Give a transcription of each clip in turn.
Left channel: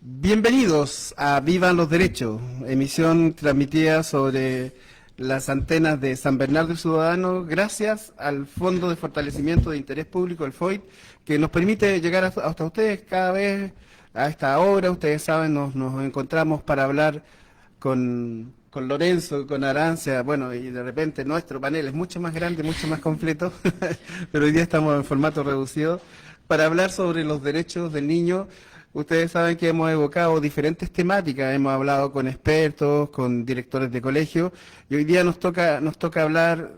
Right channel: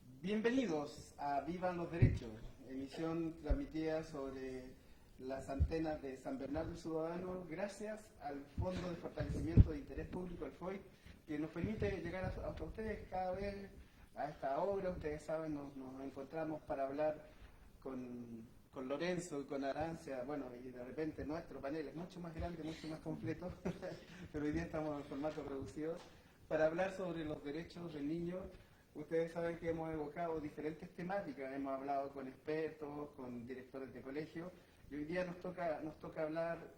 Bienvenidos a Vivan los Derechos, emisión transmitida sobre las antenas de San Bernardo y Ciudadano, gracias al Fondo de Fortalecimiento de Interés Público, el FOIT, que nos permite llegar hasta ustedes cada vez a esta hora. Ustedes saben, nos encontramos para hablar con Lorenzo, con Arancia, bueno, y de repente nuestro panel es mucho más grande, mucho más completo, pero hoy día estamos en formato reducido para hablar sobre los derechos del niño. Ustedes saben que hemos evocado diferentes temáticas, hemos hablado con expertos, con directores de colegio, y hoy día nos toca hablar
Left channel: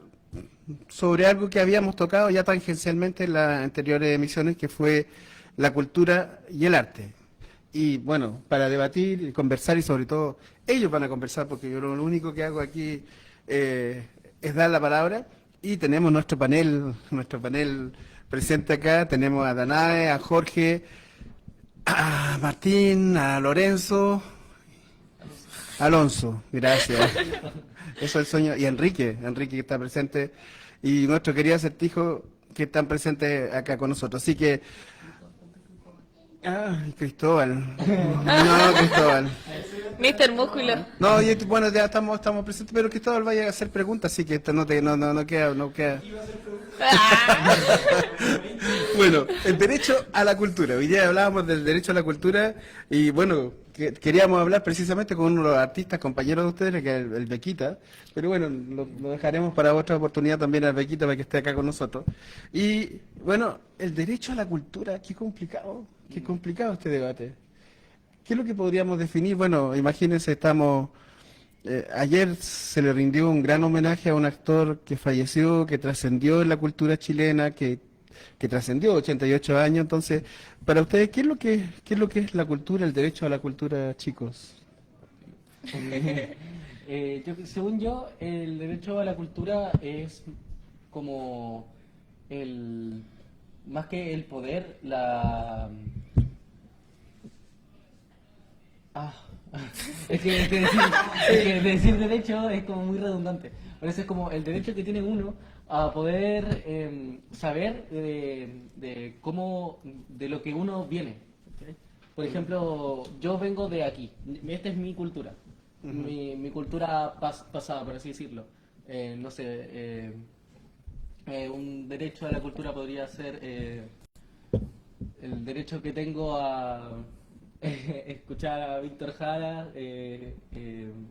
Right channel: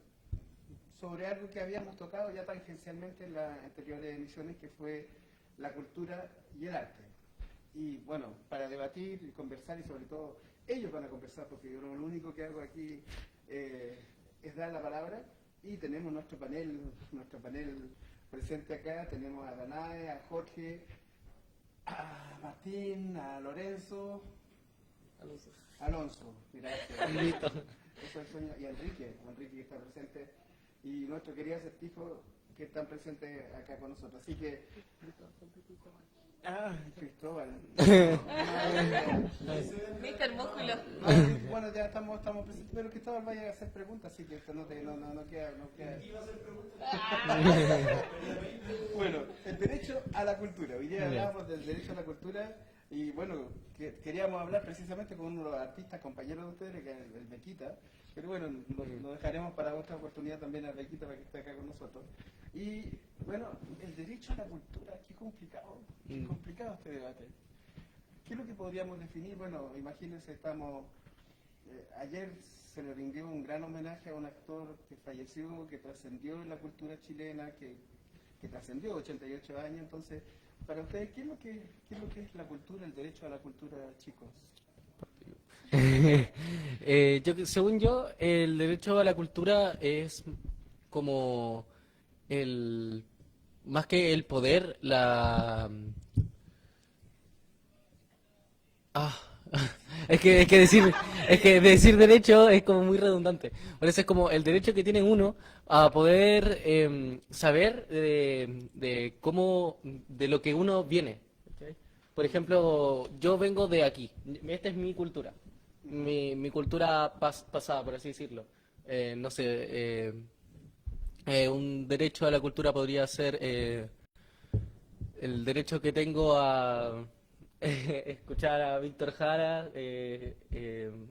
sobre algo que habíamos tocado ya tangencialmente en las anteriores emisiones, que fue la cultura y el arte. Y bueno, para debatir y conversar, y sobre todo ellos van a conversar, porque yo lo único que hago aquí es dar la palabra, y tenemos nuestro panel presente acá. Tenemos a Danae, a Jorge, a Martín, a Lorenzo, Alonso, gracias. Eso es el sueño. Y Enrique que está presente, y nuestro querido acertijo que están presentes acá con nosotros. Así que, Cristóbal. No, Cristóbal. Mister Músculo. No, bueno, ya estamos presentes, pero Cristóbal vaya a hacer preguntas, así que esto no queda. Bueno, el derecho a la cultura. Hoy día hablábamos del derecho a la cultura, y bueno, queríamos hablar precisamente con uno de los artistas, compañeros de ustedes, que es el Bequita, pero bueno, lo dejaremos para otra oportunidad también al Bequita, para que esté acá con nosotros. Y bueno, el derecho a la cultura, qué complicado este debate. ¿Qué es lo que podríamos definir? Bueno, imagínense, ayer se le rindió un gran homenaje a un actor que falleció, que trascendió en la cultura chilena, que trascendió 88 años. Entonces, para ustedes, ¿qué es lo que es la cultura, el derecho a la cultura, chicos? Según yo, el derecho a la cultura es como el más que el poder, Ah, es que decir derecho es como muy redundante. Por eso es como el derecho que tiene uno a poder saber de cómo, de lo que uno viene. ¿Sí? Por ejemplo, yo vengo de aquí. Esta es mi cultura. Mi cultura pasada, por así decirlo. No sé, un derecho a la cultura podría ser el derecho que tengo a escuchar a Víctor Jara,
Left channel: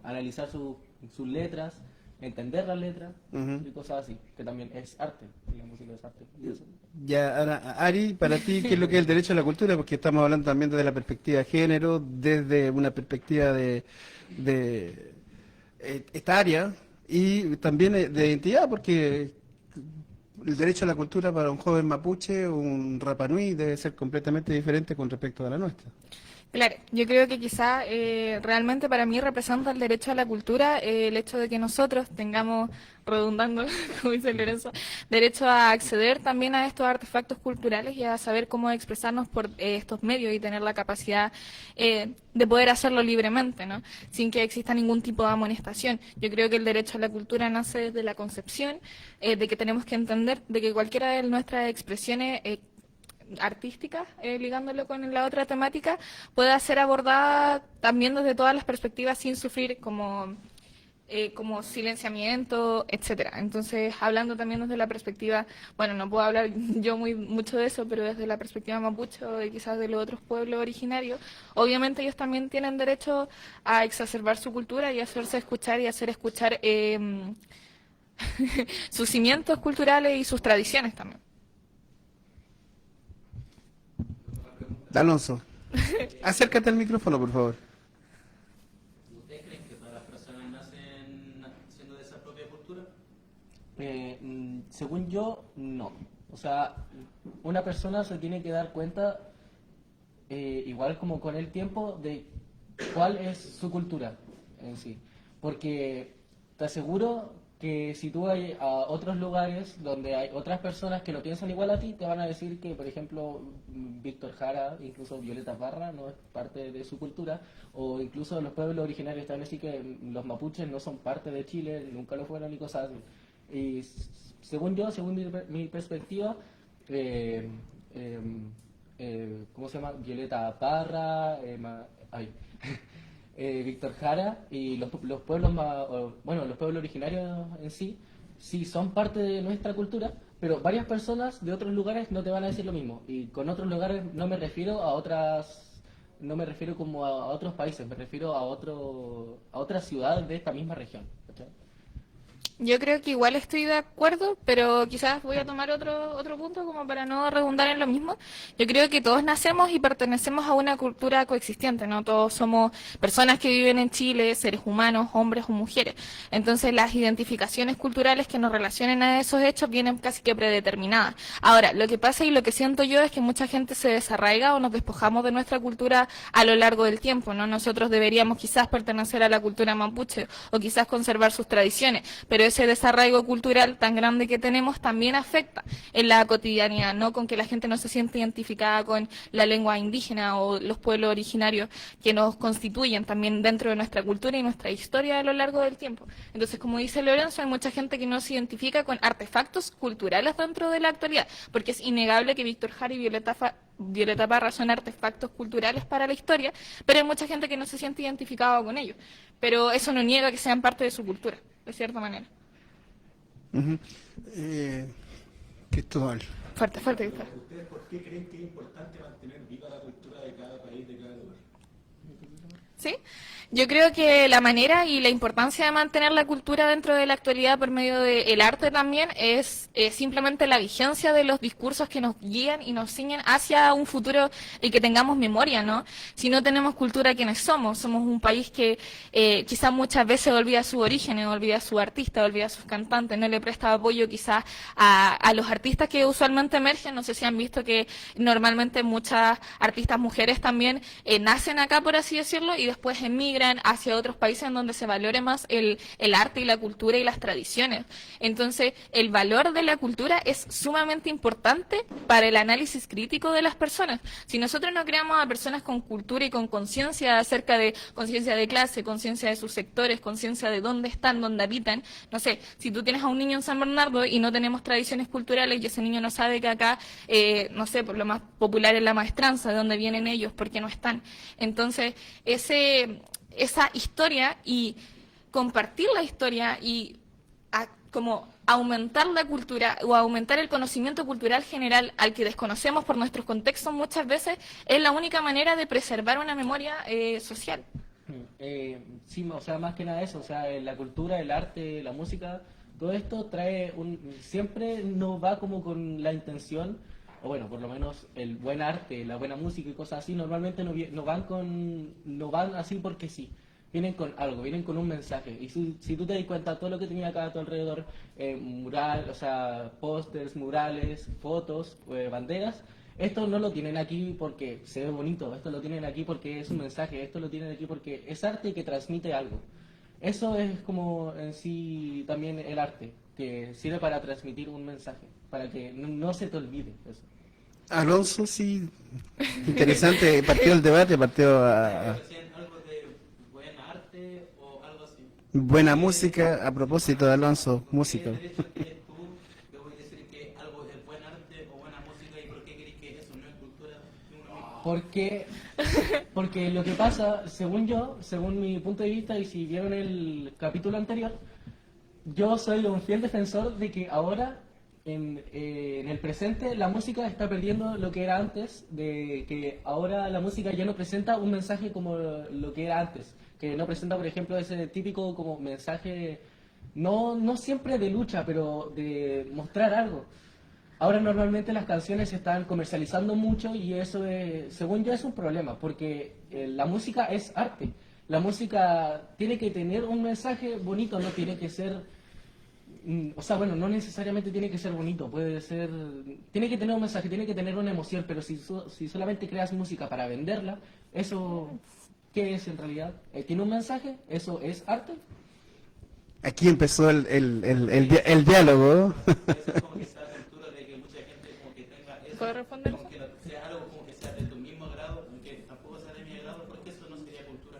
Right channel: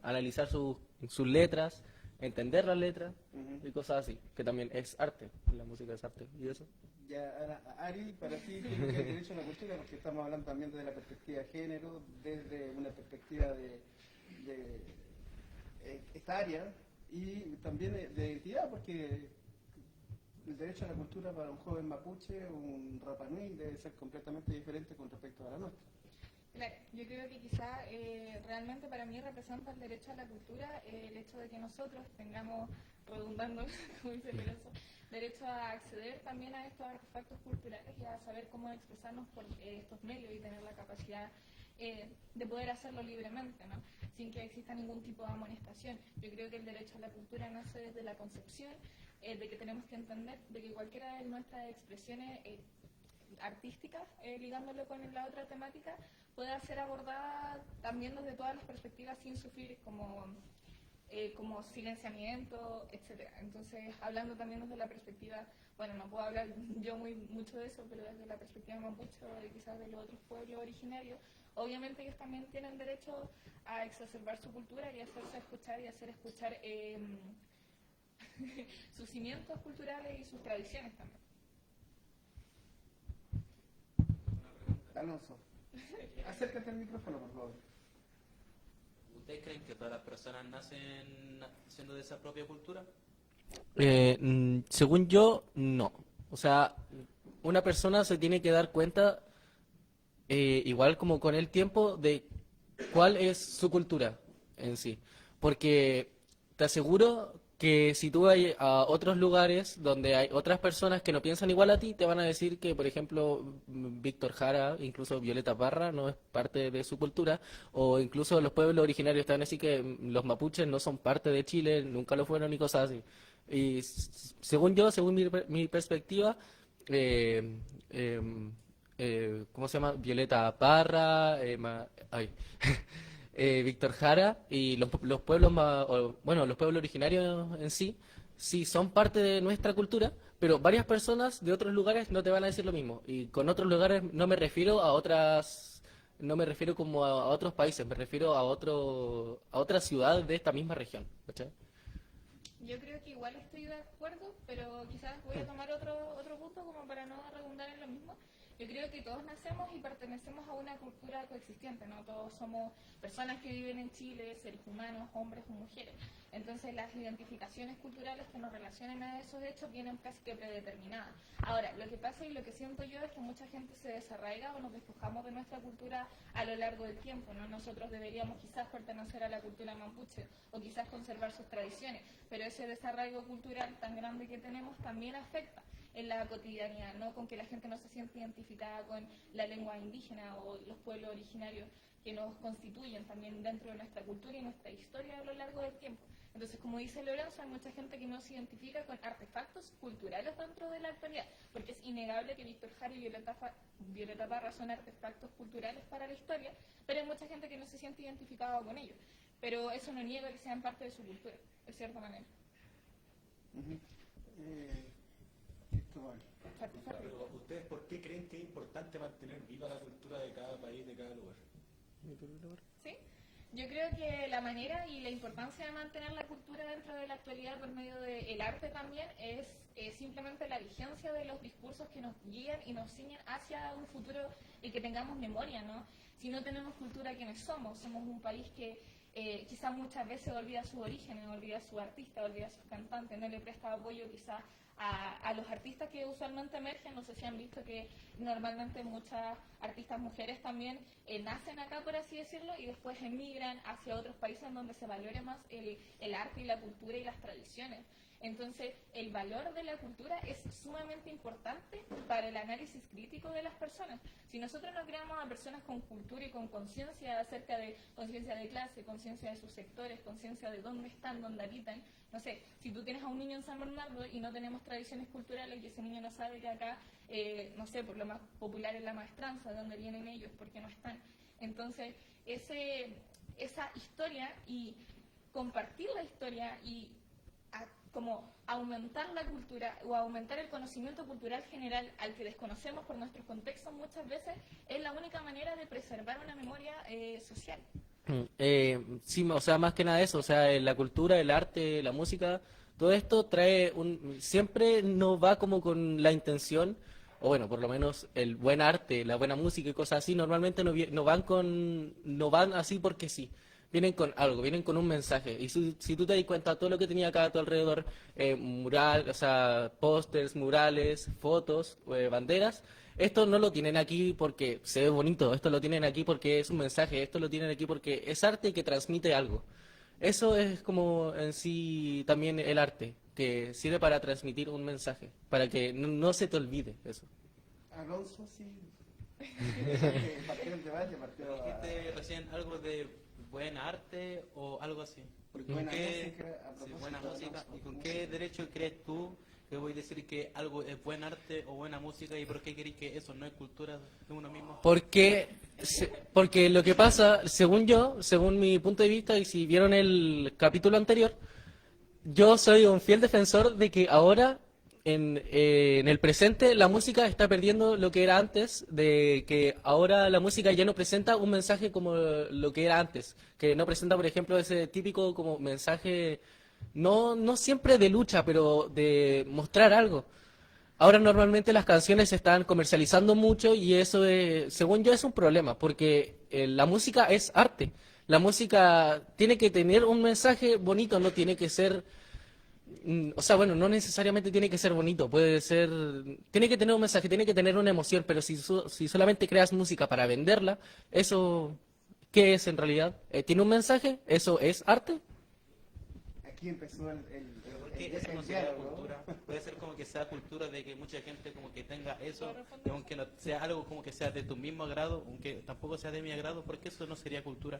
analizar sus letras, entender las letras Ujú. y cosas así, que también es arte, la música es arte. Y eso. Ya, ahora, Ari, para ti, ¿qué es lo que es el derecho a la cultura? Porque estamos hablando también desde la perspectiva de género, desde una perspectiva de etaria, y también de identidad, porque el derecho a la cultura para un joven mapuche, un Rapanui, debe ser completamente diferente con respecto a la nuestra. Claro, yo creo que quizá realmente para mí representa el derecho a la cultura el hecho de que nosotros tengamos, redundando, como dice Lorenzo, derecho a acceder también a estos artefactos culturales y a saber cómo expresarnos por estos medios y tener la capacidad de poder hacerlo libremente, ¿no? Sin que exista ningún tipo de amonestación. Yo creo que el derecho a la cultura nace desde la concepción de que tenemos que entender de que cualquiera de nuestras expresiones artística, ligándolo con la otra temática, pueda ser abordada también desde todas las perspectivas sin sufrir como silenciamiento, etcétera. Entonces, hablando también desde la perspectiva, bueno, no puedo hablar yo mucho de eso, pero desde la perspectiva mapuche o de quizás de los otros pueblos originarios, obviamente ellos también tienen derecho a exacerbar su cultura y hacerse escuchar y hacer escuchar sus cimientos culturales y sus tradiciones también. Alonso, acércate al micrófono, por favor. ¿Ustedes creen que todas las personas nacen siendo de esa propia cultura? Según yo, no. O sea, una persona se tiene que dar cuenta, igual como con el tiempo, de cuál es su cultura en sí. Porque te aseguro que si tú vas a otros lugares donde hay otras personas que no piensan igual a ti, te van a decir que, por ejemplo, Víctor Jara, incluso Violeta Parra, no es parte de su cultura, o incluso los pueblos originarios te van a decir que los mapuches no son parte de Chile, nunca lo fueron y cosas así. Y según yo, según mi perspectiva, eh, eh, ¿cómo se llama? Violeta Parra, Víctor Jara y los pueblos más, bueno, los pueblos originarios en sí, sí son parte de nuestra cultura, pero varias personas de otros lugares no te van a decir lo mismo. Y con otros lugares no me refiero a otras, no me refiero como a otros países, me refiero a otra ciudad de esta misma región. ¿Cachai? Yo creo que igual estoy de acuerdo, pero quizás voy a tomar otro punto como para no redundar en lo mismo. Yo creo que todos nacemos y pertenecemos a una cultura coexistente, ¿no? Todos somos personas que viven en Chile, seres humanos, hombres o mujeres. Entonces las identificaciones culturales que nos relacionen a esos hechos vienen casi que predeterminadas. Ahora, lo que pasa y lo que siento yo es que mucha gente se desarraiga o nos despojamos de nuestra cultura a lo largo del tiempo, ¿no? Nosotros deberíamos quizás pertenecer a la cultura mapuche o quizás conservar sus tradiciones, pero ese desarraigo cultural tan grande que tenemos también afecta en la cotidianidad, ¿no? Con que la gente no se siente identificada con la lengua indígena o los pueblos originarios que nos constituyen también dentro de nuestra cultura y nuestra historia a lo largo del tiempo. Entonces, como dice Lorenzo, hay mucha gente que no se identifica con artefactos culturales dentro de la actualidad, porque es innegable que Víctor Jara y Violeta Parra son artefactos culturales para la historia, pero hay mucha gente que no se siente identificada con ellos. Pero eso no niega que sean parte de su cultura, de cierta manera. Ujú. Cristóbal. Fuerte, fuerte, Víctor. ¿Ustedes por qué creen que es importante mantener viva la cultura de cada país, de cada lugar? ¿Sí? Yo creo que la manera y la importancia de mantener la cultura dentro de la actualidad por medio del arte también es simplemente la vigencia de los discursos que nos guían y nos ciñen hacia un futuro y que tengamos memoria, ¿no? Si no tenemos cultura, ¿quiénes somos? Somos un país que quizás muchas veces olvida su origen, olvida a su artista, olvida a sus cantantes, no le presta apoyo quizás a los artistas que usualmente emergen. No sé si han visto que normalmente muchas artistas mujeres también nacen acá, por así decirlo, y después emigran hacia otros países en donde se valore más el arte y la cultura y las tradiciones. Entonces, el valor de la cultura es sumamente importante para el análisis crítico de las personas. Si nosotros no creamos a personas con cultura y con conciencia acerca de conciencia de clase, conciencia de sus sectores, conciencia de dónde están, dónde habitan, no sé, si tú tienes a un niño en San Bernardo y no tenemos tradiciones culturales y ese niño no sabe que acá, no sé, por lo más popular es la maestranza, de dónde vienen ellos, porque no están. Entonces, esa historia y compartir la historia y como aumentar la cultura o aumentar el conocimiento cultural general al que desconocemos por nuestros contextos muchas veces es la única manera de preservar una memoria social. Sí, o sea, más que nada eso, o sea, la cultura, el arte, la música, todo esto trae siempre no va como con la intención, o bueno, por lo menos el buen arte, la buena música y cosas así, normalmente no van así porque sí. Vienen con algo, vienen con un mensaje. Y si tú te das cuenta, todo lo que tenía acá a tu alrededor, mural, o sea, pósters, murales, fotos, banderas, esto no lo tienen aquí porque se ve bonito, esto lo tienen aquí porque es un mensaje, esto lo tienen aquí porque es arte que transmite algo. Eso es como en sí también el arte, que sirve para transmitir un mensaje, para que no se te olvide eso. Alonso, sí. Interesante. Partió el debate, partió a ¿Hacían algo de buen arte o algo así? buena música. A propósito de Alonso, ¿Con música. qué derecho crees tú que voy a decir que algo es buen arte o buena música y por qué crees que eso no es cultura de uno mismo? Porque lo que pasa, según yo, según mi punto de vista, y si vieron el capítulo anterior, yo soy un fiel defensor de que ahora, en el presente, la música está perdiendo lo que era antes, de que ahora la música ya no presenta un mensaje como lo que era antes, que no presenta, por ejemplo, ese típico como mensaje, no siempre de lucha, pero de mostrar algo. Ahora normalmente las canciones se están comercializando mucho y eso, según yo, es un problema, porque la música es arte. La música tiene que tener un mensaje bonito, no tiene que ser, o sea, bueno, no necesariamente tiene que ser bonito, puede ser, tiene que tener un mensaje, tiene que tener una emoción, pero si solamente creas música para venderla, eso, ¿qué es en realidad? ¿Tiene un mensaje? ¿Eso es arte? Aquí empezó el diálogo. Eso es como que sea cultura de que mucha gente como que tenga eso, ¿Puedo responder? aunque no sea algo como que sea de tu mismo agrado, aunque tampoco sea de mi agrado, porque eso no sería cultura,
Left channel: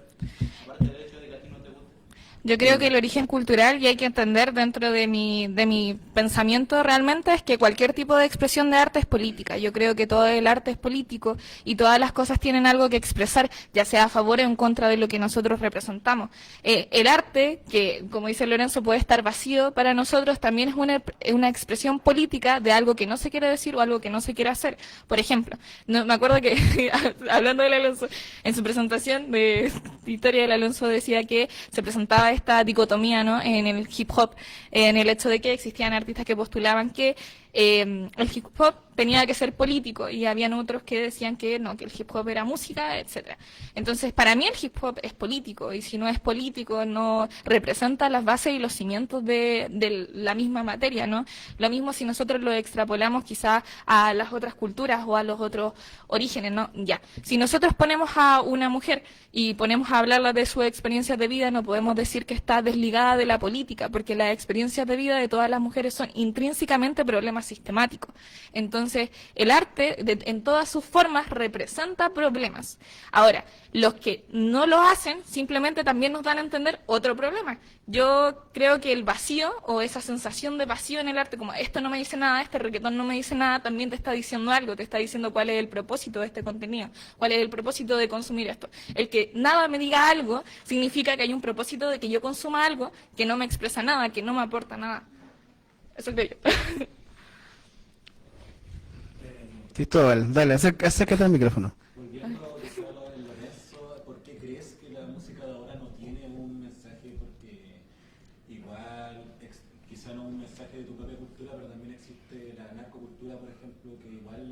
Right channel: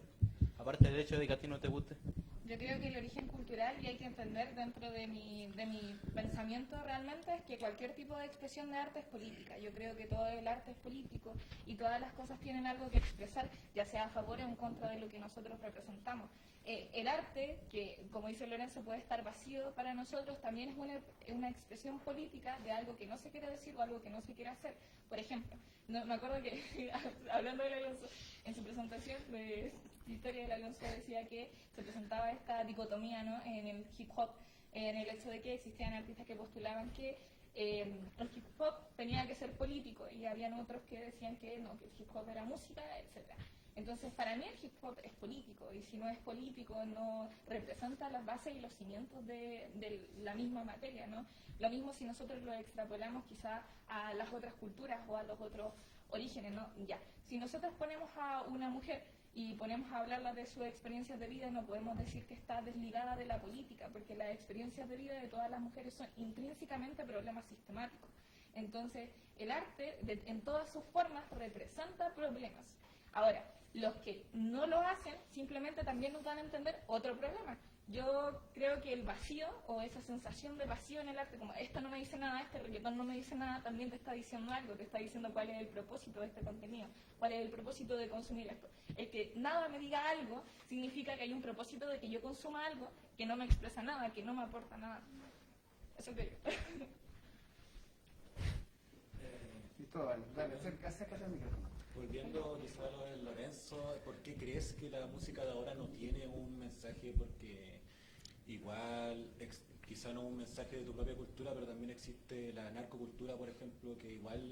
aparte del hecho de que a ti no te guste. Yo creo que el origen cultural, y hay que entender dentro de mi pensamiento realmente, es que cualquier tipo de expresión de arte es política. Yo creo que todo el arte es político y todas las cosas tienen algo que expresar, ya sea a favor o en contra de lo que nosotros representamos. El arte, que como dice Lorenzo puede estar vacío, para nosotros también es una expresión política de algo que no se quiere decir o algo que no se quiere hacer. Por ejemplo, no, me acuerdo que, hablando del Alonso, en su presentación de historia del Alonso decía que se presentaba esta dicotomía, ¿no?, en el hip hop, en el hecho de que existían artistas que postulaban que el hip hop tenía que ser político y habían otros que decían que no, que el hip hop era música, etcétera. Entonces, para mí el hip hop es político y si no es político no representa las bases y los cimientos de la misma materia, ¿no? Lo mismo si nosotros lo extrapolamos quizá a las otras culturas o a los otros orígenes, ¿no? Ya, si nosotros ponemos a una mujer y ponemos a hablarla de sus experiencias de vida, no podemos decir que está desligada de la política, porque las experiencias de vida de todas las mujeres son intrínsecamente problemas sistemáticos. Entonces, el arte, en todas sus formas, representa problemas. Ahora, los que no lo hacen, simplemente también nos dan a entender otro problema. Yo creo que el vacío, o esa sensación de vacío en el arte, como esto no me dice nada, este reggaetón no me dice nada, también te está diciendo algo, te está diciendo cuál es el propósito de este contenido, cuál es el propósito de consumir esto. El que nada me diga algo, significa que hay un propósito de que yo consuma algo que no me expresa nada, que no me aporta nada. Eso creo yo. Cristóbal, dale, acércate al micrófono. Volviendo a lo de Lorenzo, ¿por qué crees que la música de ahora no tiene un mensaje? Porque igual, quizá no un mensaje de tu propia cultura, pero también existe la narcocultura, por ejemplo, que igual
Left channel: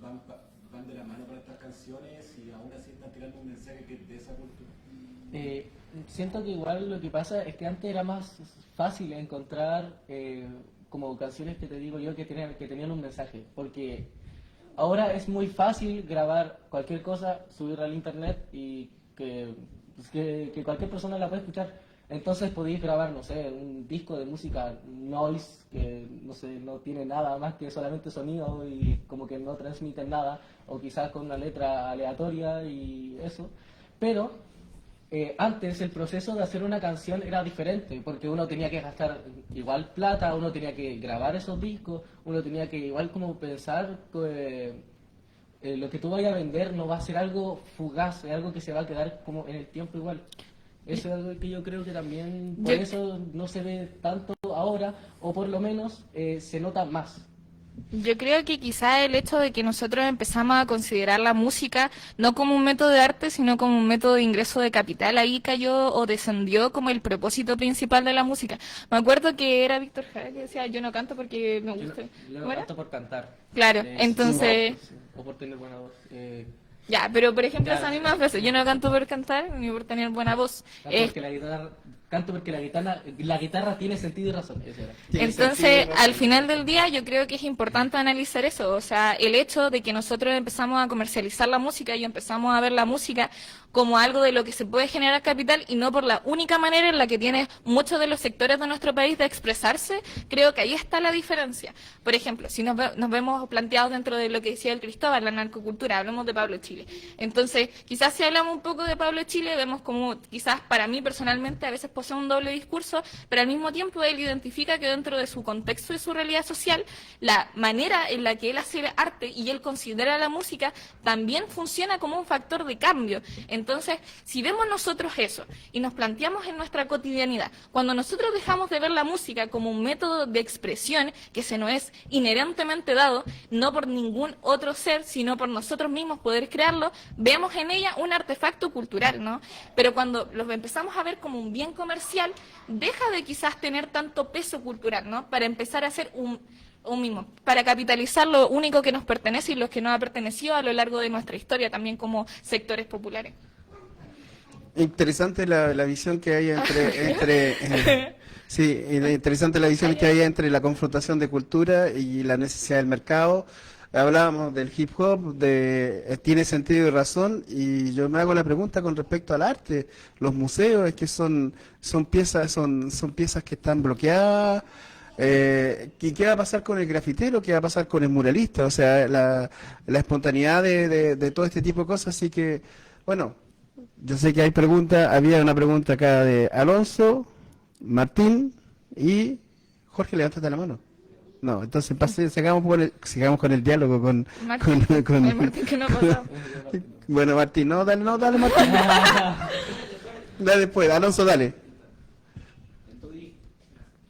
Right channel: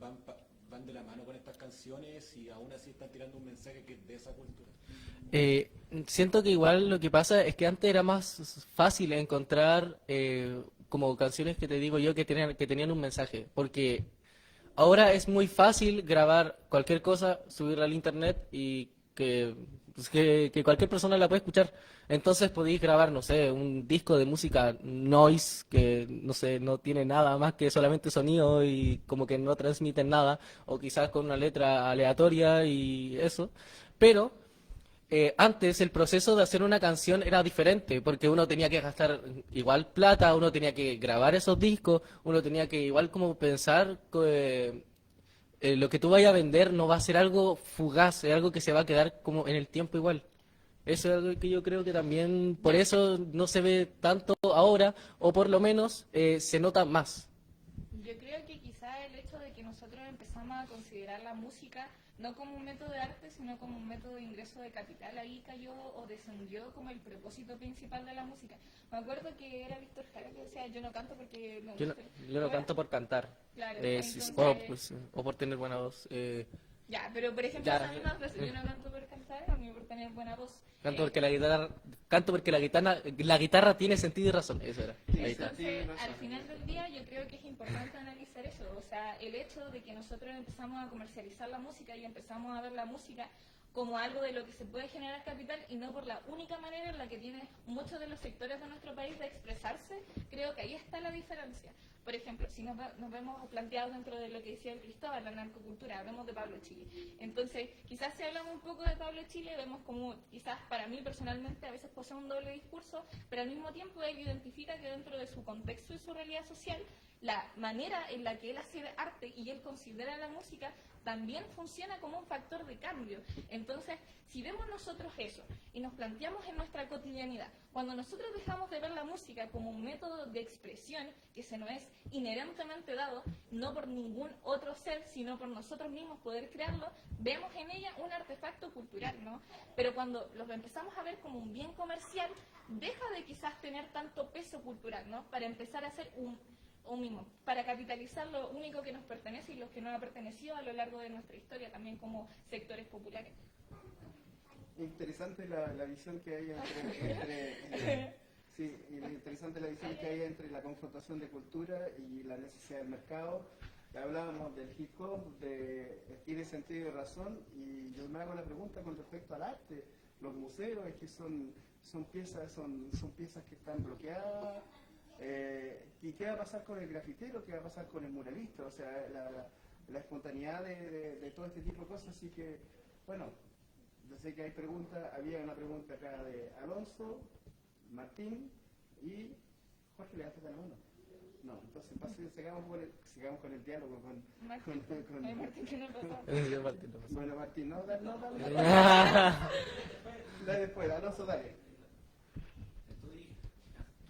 van de la mano con estas canciones y aún así están tirando un mensaje que es de esa cultura. Siento que igual lo que pasa es que antes era más fácil encontrar como canciones que te digo yo que tenían un mensaje, porque ahora es muy fácil grabar cualquier cosa, subirla al internet y que cualquier persona la puede escuchar. Entonces podéis grabar, no sé, un disco de música noise que, no sé, no tiene nada más que solamente sonido y como que no transmiten nada, o quizás con una letra aleatoria y eso. Pero antes el proceso de hacer una canción era diferente, porque uno tenía que gastar igual plata, uno tenía que grabar esos discos, uno tenía que igual como pensar que lo que tú vayas a vender no va a ser algo fugaz, es algo que se va a quedar como en el tiempo igual. Eso es algo que yo creo que también por eso no se ve tanto ahora, o por lo menos se nota más. Yo creo que quizá el hecho de que nosotros empezamos a considerar la música no como un método de arte, sino como un método de ingreso de capital, ahí cayó o descendió como el propósito principal de la música. Me acuerdo que era Víctor Jara que decía, yo no canto porque me gusta. Yo ¿Cómo era? canto por cantar. Claro, entonces... O por tener buena voz. Ya, pero por ejemplo esa misma frase, yo no canto por cantar ni por tener buena voz. Canto porque la guitarra tiene sentido y razón. Entonces, al final del día, yo creo que es importante analizar eso. O sea, el hecho de que nosotros empezamos a comercializar la música y empezamos a ver la música como algo de lo que se puede generar capital y no por la única manera en la que tiene muchos de los sectores de nuestro país de expresarse, creo que ahí está la diferencia. Por ejemplo, si nos vemos planteados dentro de lo que decía el Cristóbal, la narcocultura, hablamos de Pablo Chile. Entonces, quizás si hablamos un poco de Pablo Chile, vemos como quizás para mí personalmente a veces posee un doble discurso, pero al mismo tiempo él identifica que dentro de su contexto y su realidad social, la manera en la que él hace arte y él considera la música también funciona como un factor de cambio. Entonces, si vemos nosotros eso y nos planteamos en nuestra cotidianidad, cuando nosotros dejamos de ver la música como un método de expresión que se nos es inherentemente dado, no por ningún otro ser, sino por nosotros mismos poder crearlo, vemos en ella un artefacto cultural, ¿no? Pero cuando los empezamos a ver como un bien comercial, deja de quizás tener tanto peso cultural, ¿no? Para empezar a hacer un mismo, para capitalizar lo único que nos pertenece y lo que nos ha pertenecido a lo largo de nuestra historia, también como sectores populares. Interesante la visión que hay sí, interesante la visión que hay entre la confrontación de cultura y la necesidad del mercado. Hablábamos del hip hop, tiene sentido y razón, y yo me hago la pregunta con respecto al arte. Los museos, es que son piezas que están bloqueadas. ¿Qué va a pasar con el grafitero? ¿Qué va a pasar con el muralista? O sea, la espontaneidad de todo este tipo de cosas. Así que, bueno, Yo sé que hay preguntas, había una pregunta acá de Alonso, Martín y Jorge, levántate la mano. No, entonces sigamos con el diálogo con, Martín, con- el Martín que no ha pasado. Bueno, Martín, no, dale Martín. Dale después, Alonso, dale. Tú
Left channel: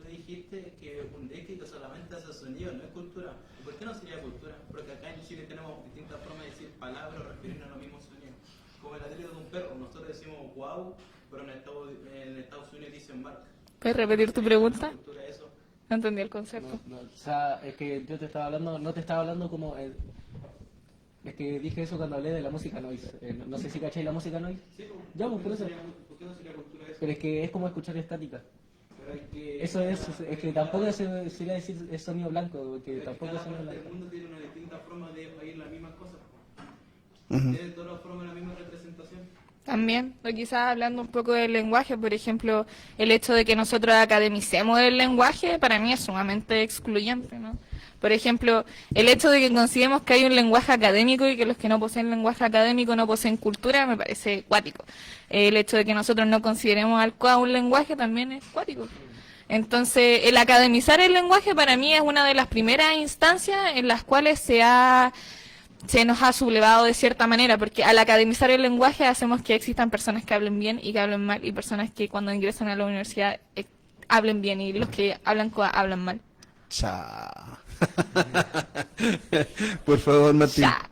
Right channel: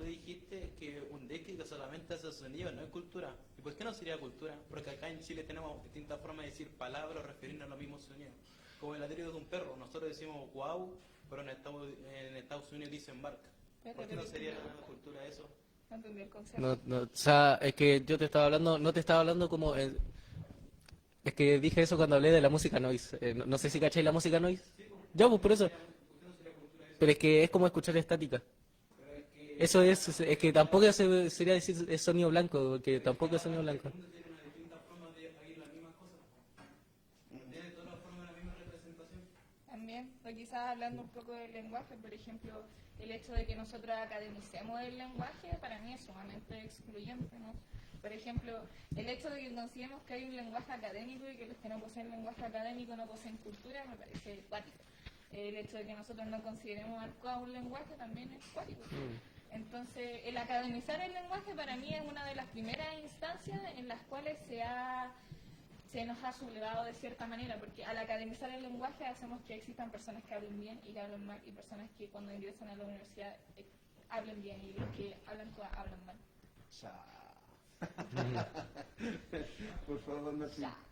dijiste que un léxico solamente hace sonido, no es cultura. ¿Por qué no sería cultura? Porque acá en Chile tenemos distintas formas de decir palabras o referirnos a los mismos sonidos. Como el ladrido de un perro, nosotros decimos wow, pero en Estados Unidos dicen bark. ¿Puedes repetir tu pregunta? Cultura eso. No entendí el concepto. O sea, es que yo te estaba hablando, no te estaba hablando como es que dije eso cuando hablé de la música noise. No sé si cacháis la música noise. Ya, pues por eso. Pero es que es como escuchar estática. Eso es que tampoco sería decir es sonido blanco, que tampoco es sonido blanco. El mundo tiene una distinta forma de oír las mismas cosas. Ujú. Tiene de todas formas la misma representación. También, o quizás hablando un poco del lenguaje, por ejemplo, el hecho de que nosotros academicemos el lenguaje para mí es sumamente excluyente, ¿no? Por ejemplo, el hecho de que consideremos que hay un lenguaje académico y que los que no poseen lenguaje académico no poseen cultura me parece cuático. El hecho de que nosotros no consideremos al COA un lenguaje también es cuático. Entonces, el academizar el lenguaje para mí es una de las primeras instancias en las cuales se nos ha sublevado de cierta manera, porque al academizar el lenguaje hacemos que existan personas que hablen bien y que hablen mal, y personas que cuando ingresan a la universidad hablen bien, y los que hablan COA hablan mal. Cha. Por favor, Martín. Ya.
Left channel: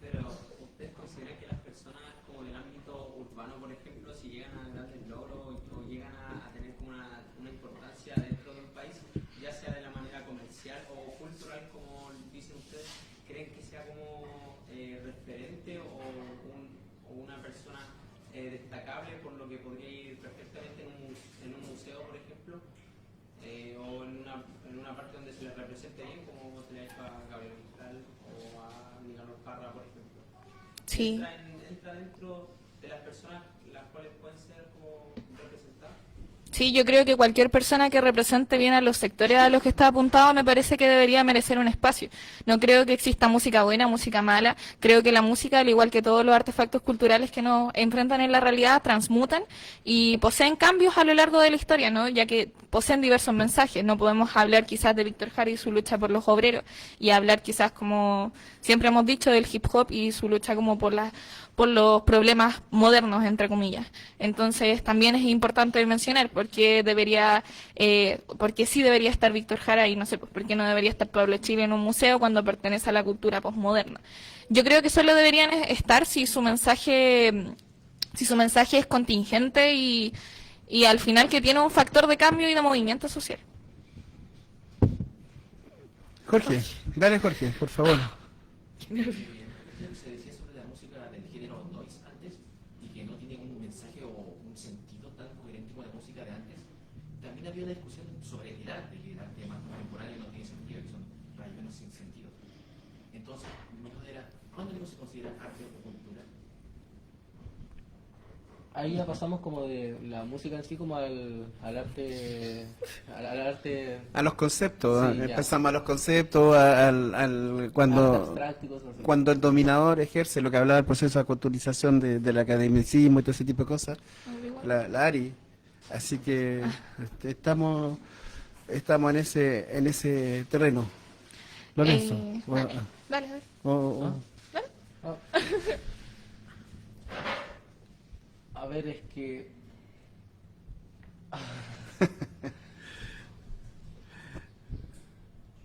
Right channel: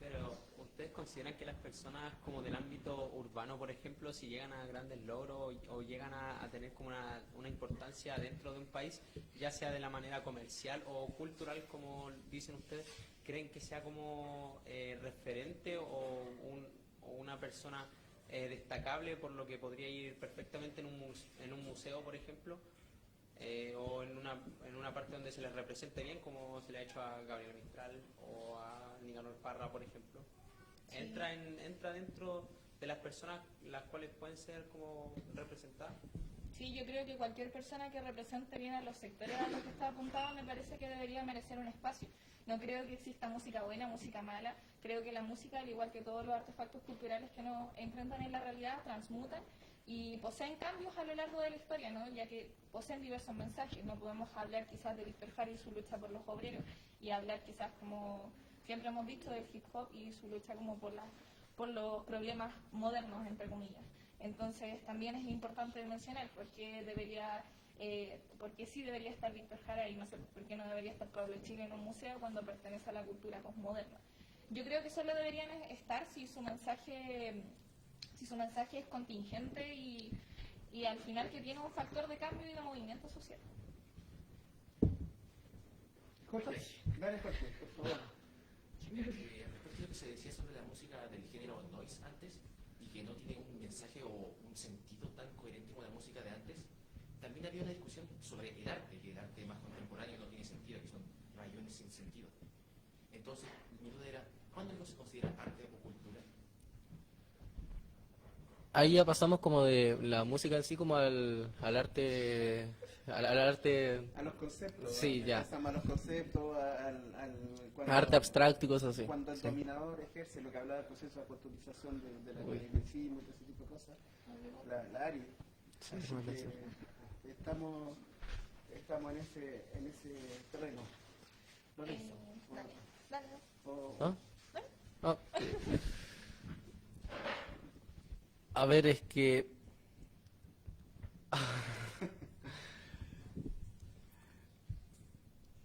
Pero, ¿ustedes consideran que las personas como del ámbito urbano, por ejemplo, si llegan a grandes logros o llegan a tener como una importancia dentro de un país, ya sea de la manera comercial o cultural, como dicen ustedes, creen que sea como referente o una persona destacable por lo que podría ir perfectamente en un museo, por ejemplo? O en una parte donde se les represente bien, como se le ha hecho a Gabriel Mistral o a Nicanor Parra, por ejemplo. Sí. Entra dentro de las personas las cuales pueden ser como representadas. Sí, yo creo que cualquier persona que represente bien a los sectores a los que está apuntado me parece que debería merecer un espacio. No creo que exista música buena, música mala. Creo que la música, al igual que todos los artefactos culturales que nos enfrentan en la realidad, transmutan y poseen cambios a lo largo de la historia, ¿no? Ya que poseen diversos mensajes. No podemos hablar quizás de Víctor Jara y su lucha por los obreros y hablar quizás, como siempre hemos dicho, del hip hop y su lucha como por los problemas modernos, entre comillas. Entonces, también es importante mencionar porque sí debería estar Víctor Jara y no sé, pues, por qué no debería estar Pablo Chile en un museo cuando pertenece a la cultura posmoderna. Yo creo que solo deberían estar si su mensaje es contingente y al final que tiene un factor de cambio y de movimiento social. Jorge, dale Jorge, por favor. Se decía sobre la música del género noise antes y que no tiene un mensaje o un sentido tan coherente con la música de antes. También había una discusión sobre el arte, que el arte más contemporáneo no tiene sentido, que son rayuelos sin sentido. Entonces, mi duda era, ¿cuándo no se considera arte o cultura? Ahí ya pasamos como de la música en sí como al arte, al arte, A los conceptos, Sí, ya. empezamos a los conceptos, arte cuando abstracto y cosas así. cuando el dominador ejerce lo que hablaba del proceso de aculturización del academicismo y todo ese tipo de cosas, la ARI. Así que estamos en ese terreno. Lorenzo. Dale, dale. Ah. A ver, es que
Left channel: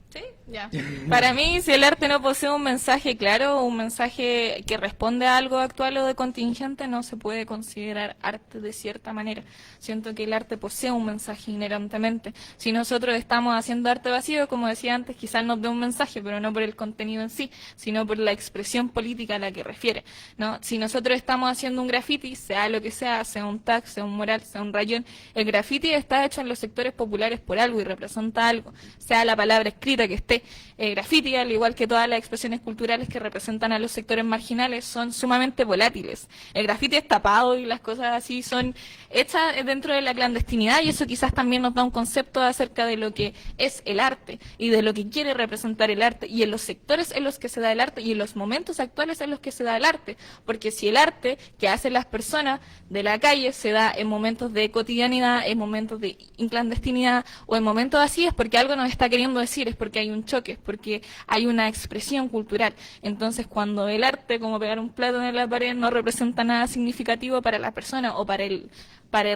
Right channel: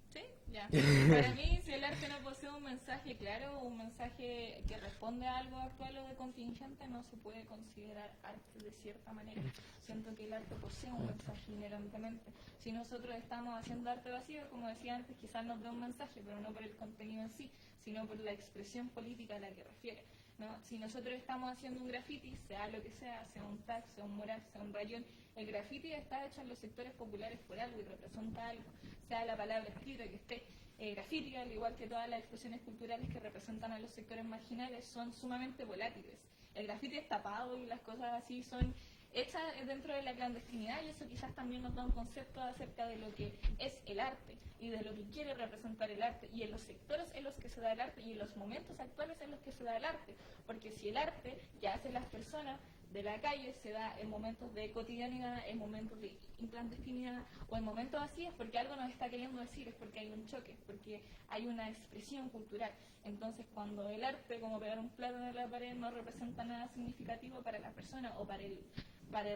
Sí, ya. Para mí, si el arte no posee un mensaje claro, un mensaje que responde a algo actual o de contingente, no se puede considerar arte de cierta manera. Siento que el arte posee un mensaje inherentemente. Si nosotros estamos haciendo arte vacío, como decía antes, quizás nos dé un mensaje, pero no por el contenido en sí, sino por la expresión política a la que refiere, ¿no? Si nosotros estamos haciendo un graffiti, sea lo que sea un tag, sea un mural, sea un rayón, el graffiti está hecho en los sectores populares por algo y representa algo, sea la palabra escrita que esté. El graffiti, al igual que todas las expresiones culturales que representan a los sectores marginales, son sumamente volátiles. El graffiti es tapado y las cosas así son hechas dentro de la clandestinidad, y eso quizás también nos da un concepto acerca de lo que es el arte y de lo que quiere representar el arte, y en los sectores en los que se da el arte y en los momentos actuales en los que se da el arte. Porque si el arte que hacen las personas de la calle se da en momentos de cotidianidad, en momentos de clandestinidad o en momentos así, es porque algo nos está queriendo decir, es porque hay un choque, es porque hay una expresión cultural. Entonces, cuando el arte, como pegar un plato en la pared, no representa nada significativo para la persona o para el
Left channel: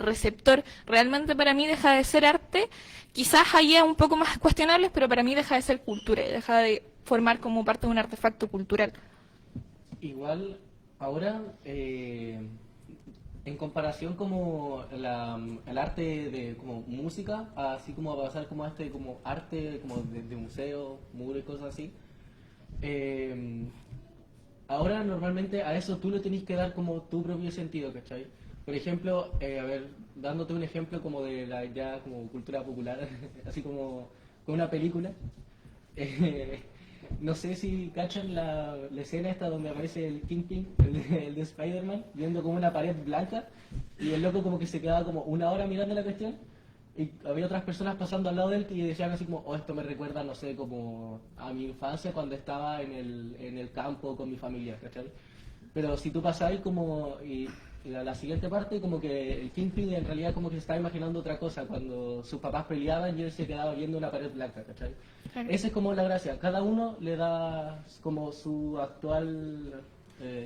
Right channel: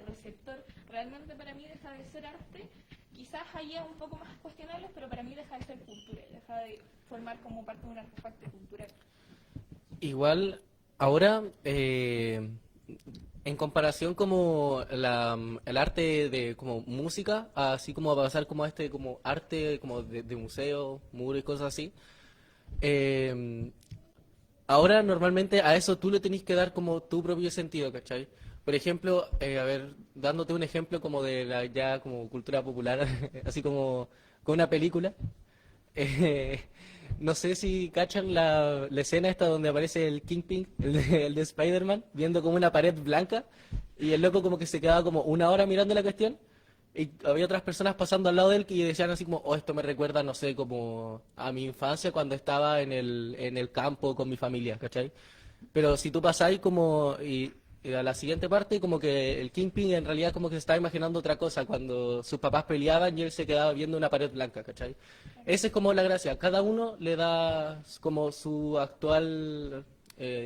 receptor, realmente para mí deja de ser arte. Quizás haya un poco más cuestionables, pero para mí deja de ser cultura y deja de formar como parte de un artefacto cultural. Igual, ahora, en comparación como el arte de como música, así como a pasar como a este como arte como de museo, muro y cosas así, ahora normalmente a eso tú le tenés que dar como tu propio sentido, ¿cachai? Por ejemplo, a ver, dándote un ejemplo como de la ya como cultura popular, así como con una película, no sé si cachan la escena esta donde aparece el Kingpin, el de Spider-Man, viendo como una pared blanca, y el loco como que se quedaba como una hora mirando la cuestión, y había otras personas pasando al lado de él que decían así como, oh, esto me recuerda, no sé, como a mi infancia cuando estaba en el campo con mi familia, ¿cachai? Pero si tú pasáis como... Y a la siguiente parte, como que el Kingpin en realidad como que se estaba imaginando otra cosa cuando sus papás peleaban y él se quedaba viendo una pared blanca, ¿cachai? Esa es como la gracia. Cada uno le da como su actual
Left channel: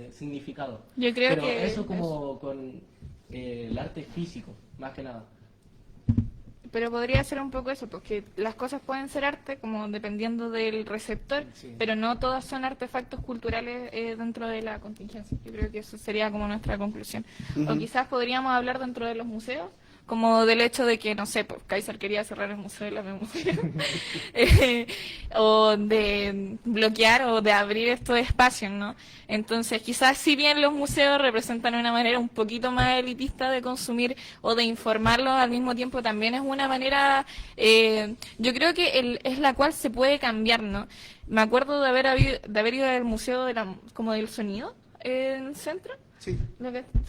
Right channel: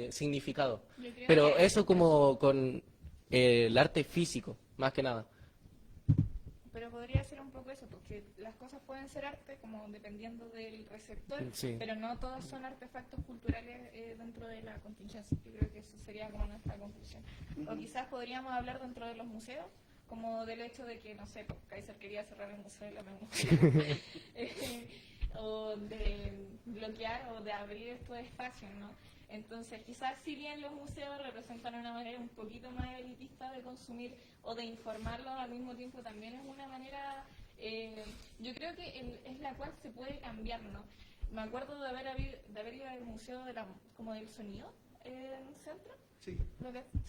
significado. Yo creo Pero que eso como con el arte físico, más que nada. Pero podría ser un poco eso, porque las cosas pueden ser arte como dependiendo del receptor, Sí. pero no todas son artefactos culturales dentro de la contingencia. Yo creo que eso sería como nuestra conclusión. O quizás podríamos hablar dentro de los museos, como del hecho de que, no sé, pues Kaiser quería cerrar el Museo de la Memoria, o de bloquear o de abrir estos espacios, ¿no? Entonces, quizás si bien los museos representan una manera un poquito más elitista de consumir o de informarlo, al mismo tiempo también es una manera, yo creo que es la cual se puede cambiar, ¿no? Me acuerdo de haber ido al Museo de como del Sonido en el centro. Sí.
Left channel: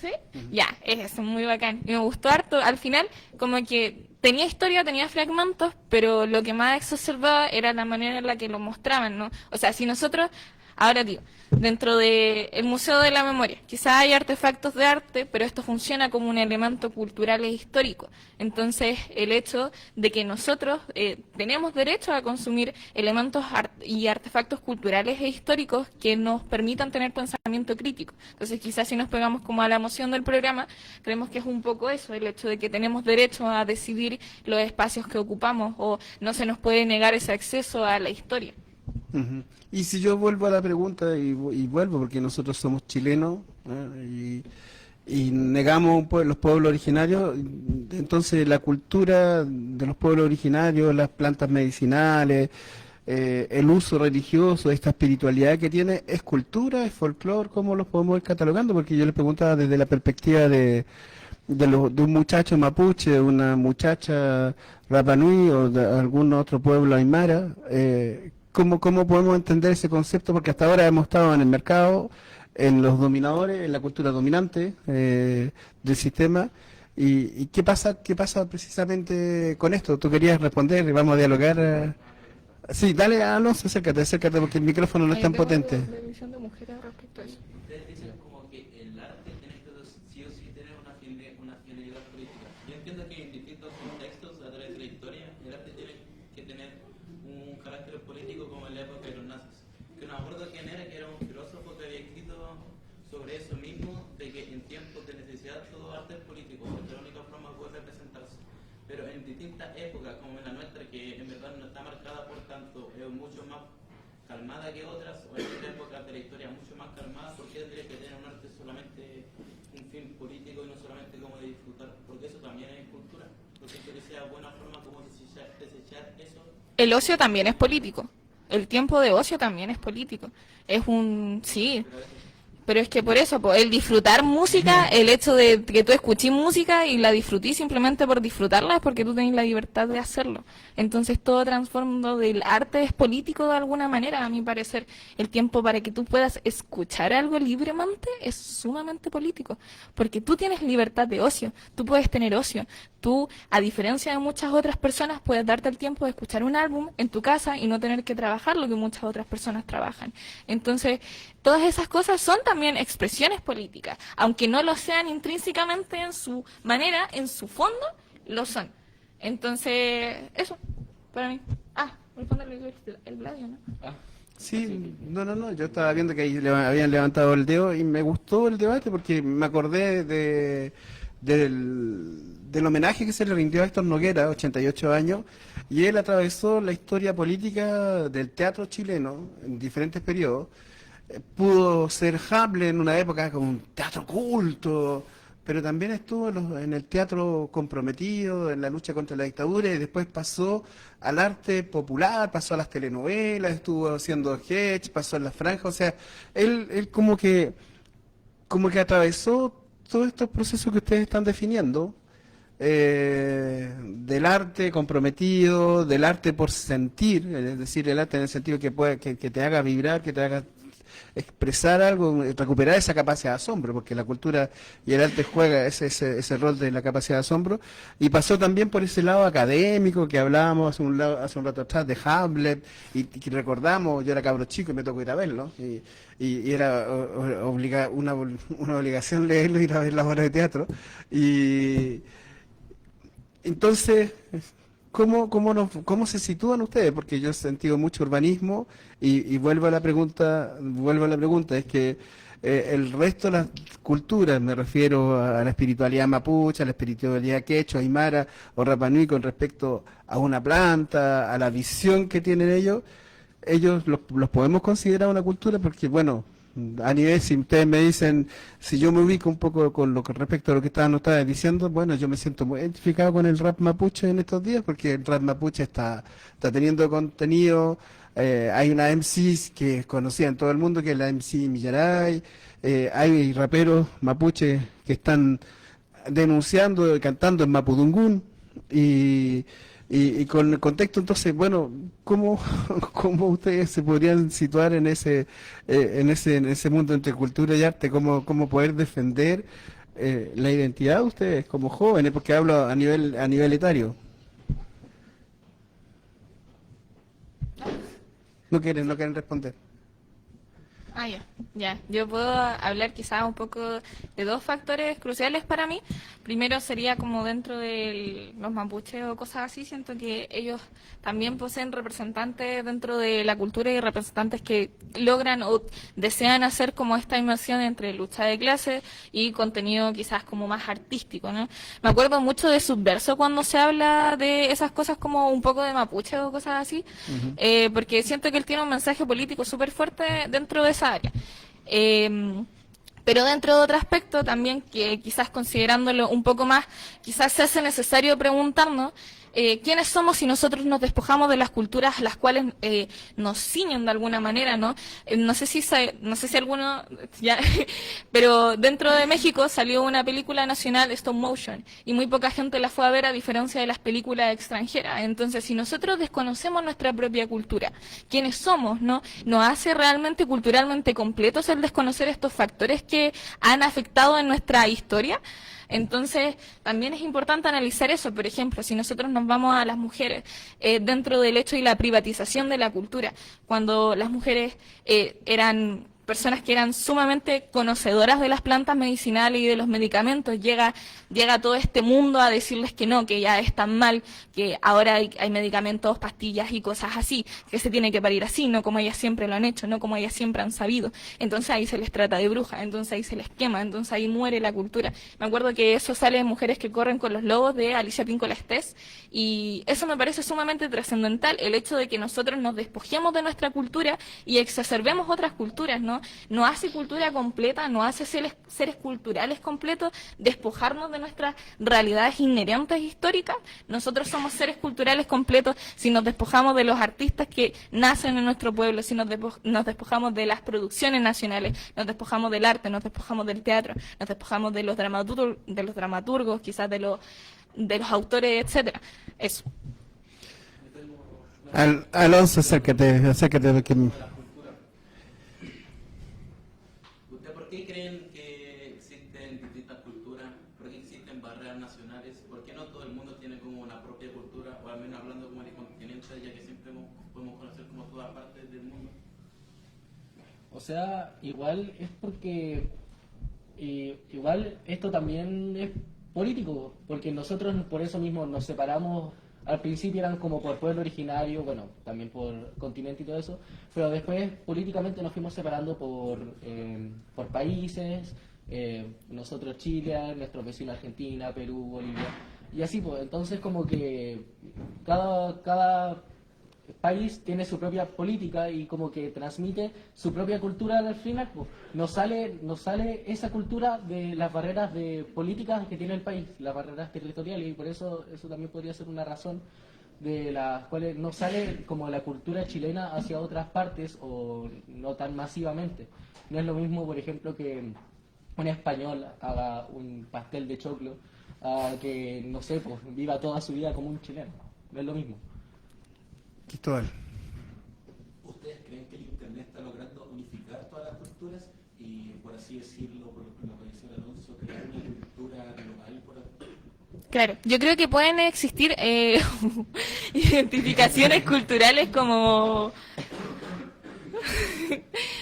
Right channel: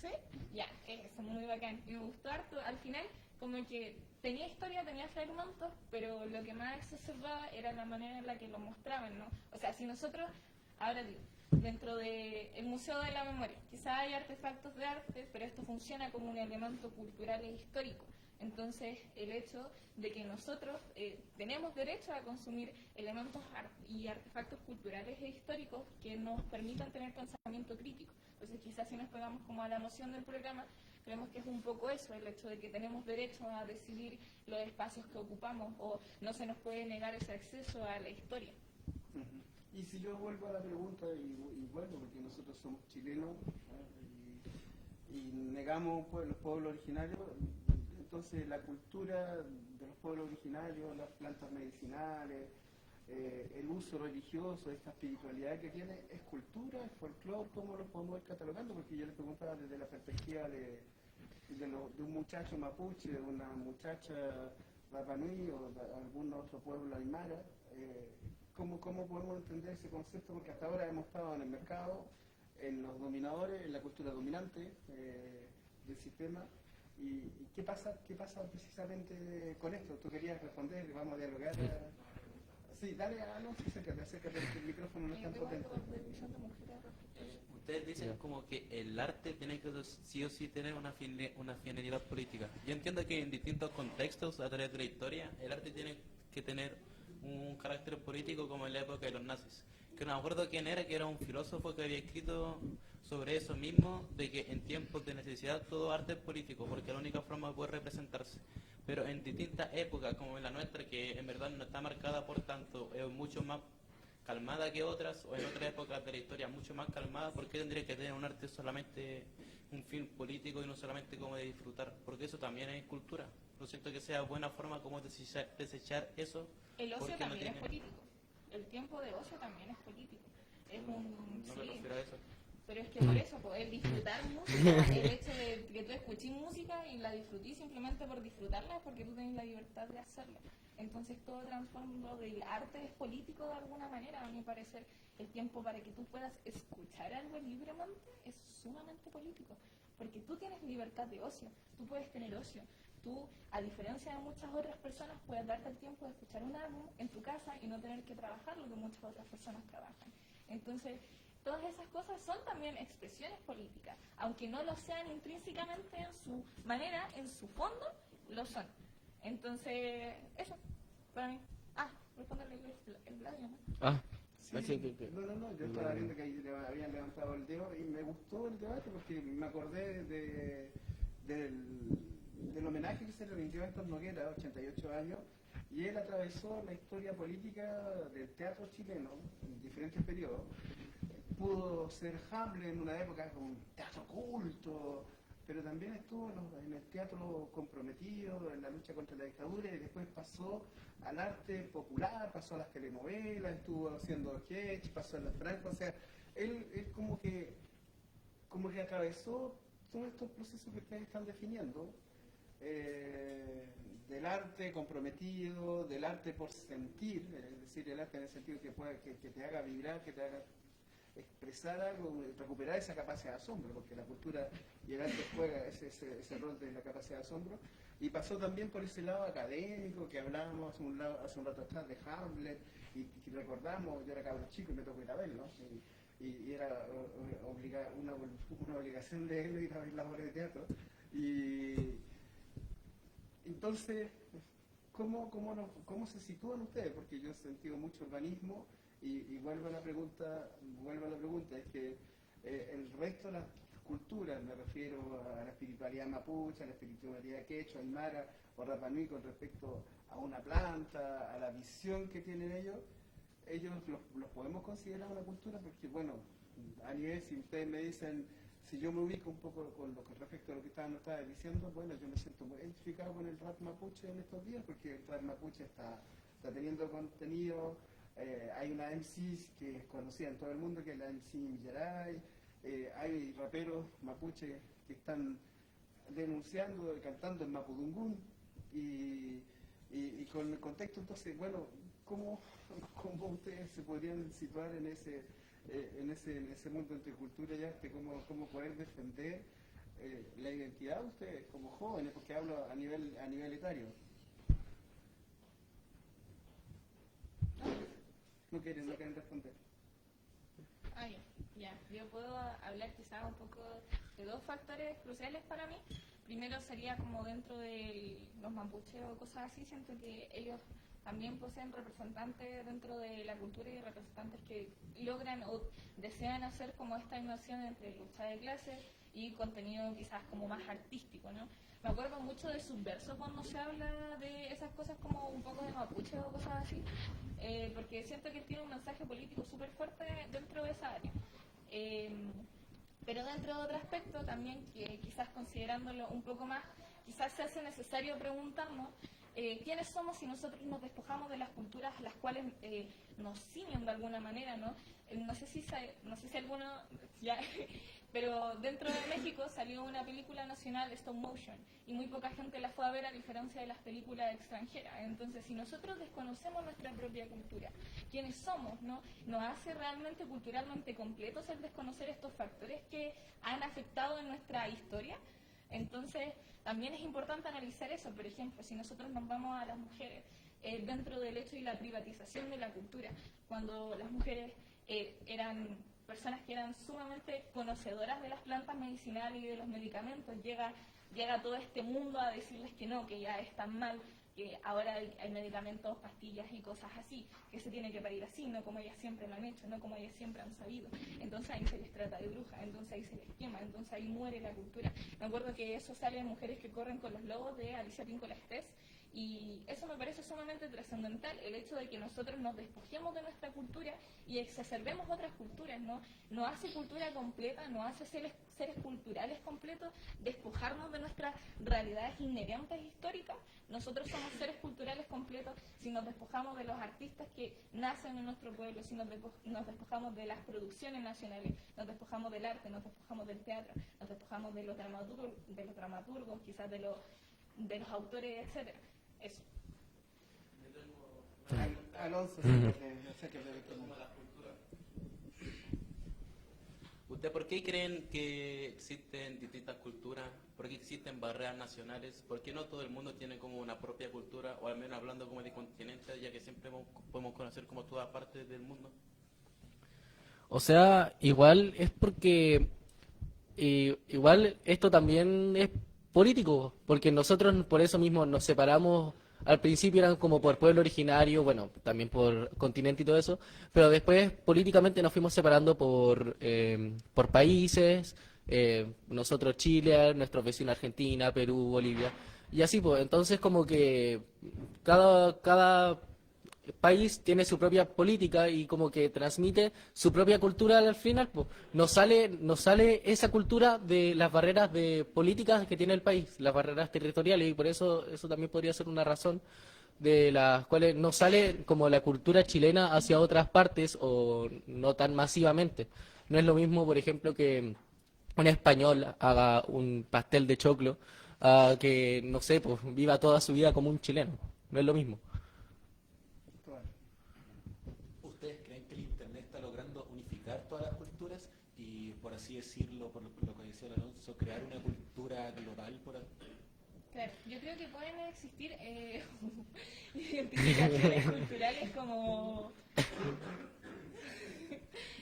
¿Sí? Ya, es eso, muy bacán. Y me gustó harto. Al final, como que tenía historia, tenía fragmentos, pero lo que más exacerbaba era la manera en la que lo mostraban, ¿no? O sea, si nosotros, ahora digo, dentro del Museo de la Memoria, quizás hay artefactos de arte, pero esto funciona como un elemento cultural e histórico. Entonces, el hecho de que nosotros tenemos derecho a consumir elementos y artefactos culturales e históricos que nos permitan tener pensamiento crítico. Entonces, quizás si nos pegamos como a la emoción del programa, creemos que es un poco eso, el hecho de que tenemos derecho a decidir los espacios que ocupamos, o no se nos puede negar ese acceso a la historia. Ujú. Y si yo vuelvo a la pregunta y vuelvo, porque nosotros somos chilenos, y negamos los pueblos originarios, entonces la cultura de los pueblos originarios, las plantas medicinales, el uso religioso, esta espiritualidad que tiene, ¿es cultura, es folclore? ¿Cómo los podemos ir catalogando? Porque yo le preguntaba desde la perspectiva de un muchacho mapuche, de una muchacha Rapa Nui o de algún otro pueblo aymara, ¿cómo podemos entender ese concepto? Porque hasta ahora hemos estado en el mercado, en los dominadores, en la cultura dominante del sistema. ¿Y qué pasa precisamente con esto? Tú querías responder y vamos a dialogar. Sí, dale, Alonso, acércate, porque el micrófono no es tan potente. Ustedes dicen como que el arte tiene que sí o sí tener una finalidad política. Yo entiendo que en distintos contextos, a través de la historia, el arte tiene que tener un carácter político, como en la época de los nazis. Que no me acuerdo quién era, que era un filósofo que había escrito sobre eso mismo, de que en tiempos de necesidad todo arte es político, porque es la única forma de poder representarse. Pero en distintas épocas, como en la nuestra, que en verdad no está marcada por tanto, es mucho más calmada que otras, o en otras épocas de la historia mucho más calmada, ¿por qué tendría que tener un arte solamente un fin político y no solamente como de disfrutar? Porque eso también es cultura. No siento que sea buena forma como desechar eso. El ocio también es político. El tiempo de ocio también es político. Sí. Pero es que por eso, po, el disfrutar música, el hecho de que tú escuches música y la disfrutís simplemente por disfrutarla es porque tú tenés la libertad de hacerlo. Entonces todo trasfondo del arte es político de alguna manera, a mi parecer. El tiempo para que tú puedas escuchar algo libremente es sumamente político, porque tú tienes libertad de ocio, tú puedes tener ocio. Tú, a diferencia de muchas otras personas, puedes darte el tiempo de escuchar un álbum en tu casa y no tener que trabajar lo que muchas otras personas trabajan. Entonces, todas esas cosas son también expresiones políticas, aunque no lo sean intrínsecamente en su manera, en su fondo, lo son. Entonces, eso, para mí. Respóndele el Gladio, ¿no? Sí, no, yo estaba viendo que ahí habían levantado el dedo y me gustó el debate porque me acordé del homenaje que se le rindió a Héctor Noguera, 88 años, y él atravesó la historia política del teatro chileno en diferentes periodos. Pudo ser Hamlet en una época con un teatro culto, pero también estuvo en el teatro comprometido, en la lucha contra la dictadura, y después pasó al arte popular, pasó a las telenovelas, estuvo haciendo sketch, pasó en la franja, o sea, él como que atravesó todos estos procesos que ustedes están definiendo, del arte comprometido, del arte por sentir, es decir, el arte en el sentido que te haga vibrar, que te haga expresar algo, recuperar esa capacidad de asombro, porque la cultura y el arte juega ese rol de la capacidad de asombro, y pasó también por ese lado académico que hablábamos hace un rato atrás de Hamlet, y recordamos, yo era cabro chico y me tocó ir a verlo, y era una obligación leerlo, ir a ver las obras de teatro, y entonces, ¿cómo se sitúan ustedes? Porque yo he sentido mucho urbanismo y vuelvo a la pregunta, es que el resto de las culturas, me refiero a la espiritualidad mapuche, a la espiritualidad quechua, aymara o Rapa Nui con respecto a una planta, a la visión que tienen ellos los podemos considerar una cultura porque, bueno, a nivel, si ustedes me dicen, si yo me ubico un poco con lo que respecto a lo que estaban ustedes diciendo, bueno, yo me siento muy identificado con el rap mapuche en estos días, porque el rap mapuche está teniendo contenido, hay una MC que es conocida en todo el mundo, que es la MC Millaray, hay raperos mapuche que están denunciando, cantando en Mapudungún, y con el contexto, entonces, bueno, ¿cómo ustedes se podrían situar en ese mundo entre cultura y arte? ¿Cómo poder defender la identidad de ustedes como jóvenes? Porque hablo a nivel etario. No quieren responder. Ya. Yo puedo hablar quizás un poco de dos factores cruciales para mí. Primero sería como dentro de los mapuches o cosas así, siento que ellos también poseen representantes dentro de la cultura y representantes que logran o desean hacer como esta inmersión entre lucha de clases y contenido quizás como más artístico, ¿no? Me acuerdo mucho de Subverso cuando se habla de esas cosas como un poco de mapuche o cosas así, porque siento que él tiene un mensaje político súper fuerte dentro de esa área. Pero dentro de otro aspecto también, que quizás considerándolo un poco más, quizás se hace necesario preguntarnos quiénes somos si nosotros nos despojamos de las culturas las cuales nos ciñen de alguna manera, ¿no? No sé si alguno, ya, pero dentro de México salió una película nacional stop motion y muy poca gente la fue a ver a diferencia de las películas extranjeras. Entonces, si nosotros desconocemos nuestra propia cultura, quiénes somos, ¿no? Nos hace realmente culturalmente completos el desconocer estos factores que han afectado en nuestra historia. Entonces, también es importante analizar eso. Por ejemplo, si nosotros nos vamos a las mujeres dentro del hecho y la privatización de la cultura, cuando las mujeres eran personas que eran sumamente conocedoras de las plantas medicinales y de los medicamentos, llega todo este mundo a decirles que no, que ya están mal, que ahora hay medicamentos, pastillas y cosas así, que se tiene que parir así, no como ellas siempre lo han hecho, no como ellas siempre han sabido. Entonces ahí se les trata de brujas, entonces ahí se les quema, entonces ahí muere la cultura. Me acuerdo que eso sale de Mujeres que corren con los lobos de Alicia Píncola Estés, y eso me parece sumamente trascendental, el hecho de que nosotros nos despojemos de nuestra cultura y exacerbemos otras culturas, ¿no? ¿no? No hace cultura completa, no hace seres culturales completos, despojarnos de nuestras realidades inherentes históricas. Nosotros somos seres culturales completos si nos despojamos de los artistas que nacen en nuestro pueblo, si nos despojamos de las producciones nacionales, nos despojamos del arte, nos despojamos del teatro, nos despojamos de los dramaturgos, quizás de los autores, etcétera. Eso. Alonso, acércate. Porque... ¿Usted por qué creen que existen distintas culturas? ¿Por qué existen barreras nacionales? ¿Por qué no todo el mundo tiene como una propia cultura? O al menos hablando como de continente, ya que siempre podemos conocer como todas partes del mundo. O sea, igual es porque igual esto también es político, porque nosotros por eso mismo nos separamos. Al principio eran como por pueblo originario, bueno, también por continente y todo eso, pero después políticamente nos fuimos separando por países, nosotros Chile, nuestros vecinos Argentina, Perú, Bolivia, y así pues. Entonces como que cada país tiene su propia política y como que transmite su propia cultura al final, pues. Nos sale esa cultura de las barreras de políticas que tiene el país, las barreras territoriales, y por eso también podría ser una razón de las cuales no sale como la cultura chilena hacia otras partes o no tan masivamente. No es lo mismo, por ejemplo, que un español haga un pastel de choclo a que, no sé, pues viva toda su vida como un chileno. No es lo mismo. Cristóbal. ¿Ustedes creen que el Internet está logrando unificar todas las culturas y, por así decirlo, por lo que dice Alonso, crear una cultura global? Claro, yo creo que pueden existir identificaciones culturales como...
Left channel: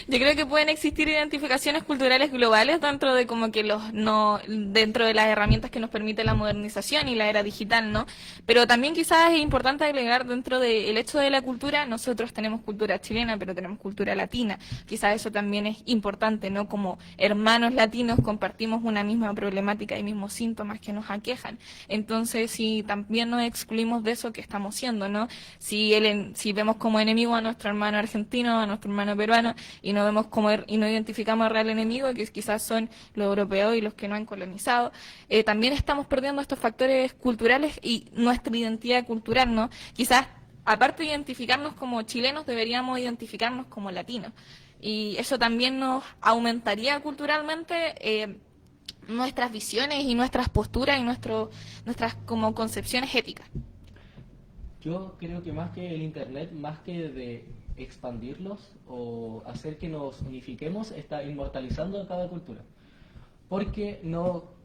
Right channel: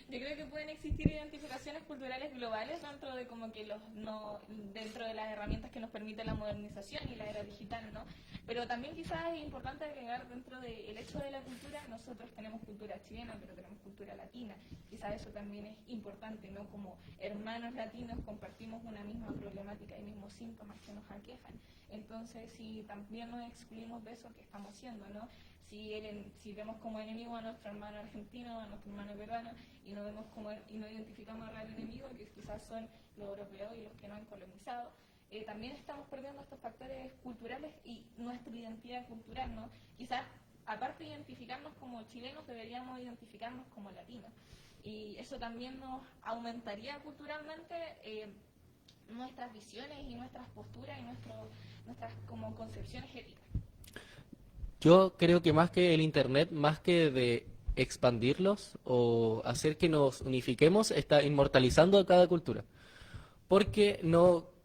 Yo creo que pueden existir identificaciones culturales globales dentro de como que dentro de las herramientas que nos permite la modernización y la era digital, ¿no? Pero también quizás es importante agregar dentro del hecho de la cultura, nosotros tenemos cultura chilena, pero tenemos cultura latina. Quizás eso también es importante, ¿no? Como hermanos latinos compartimos una misma problemática y mismos síntomas que nos aquejan. Entonces, si también nos excluimos de eso, ¿qué estamos siendo, no? Si vemos como enemigo a nuestro hermano argentino, a nuestro hermano peruano, y no vemos y no identificamos al real enemigo, que quizás son los europeos y los que no han colonizado, también estamos perdiendo estos factores culturales y nuestra identidad cultural, ¿no? Quizás, aparte de identificarnos como chilenos, deberíamos identificarnos como latinos. Y eso también nos aumentaría culturalmente nuestras visiones y nuestras posturas y nuestras como concepciones éticas. Yo creo que más que el Internet, más que de expandirlos o hacer que nos unifiquemos, está inmortalizando cada cultura. Porque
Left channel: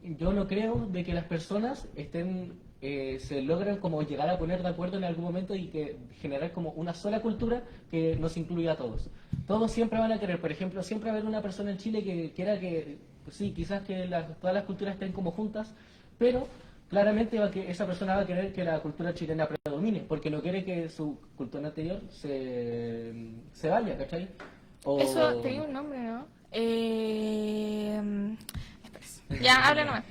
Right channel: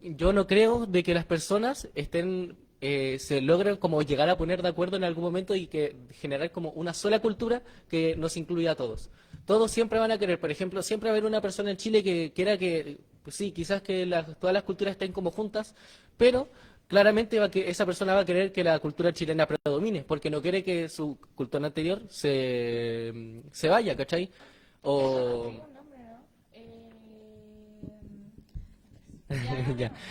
yo no creo de que las personas se logren como llegar a poner de acuerdo en algún momento y que generar como una sola cultura que nos incluya a todos. Todos siempre van a querer, por ejemplo, siempre va a haber una persona en Chile que quiera que, pues sí, quizás que todas las culturas estén como juntas, pero claramente esa persona va a querer que la cultura chilena predomine, porque no quiere que su cultura anterior se vaya, ¿cachai? Eso tenía un nombre, ¿no? Ya, habla nomás.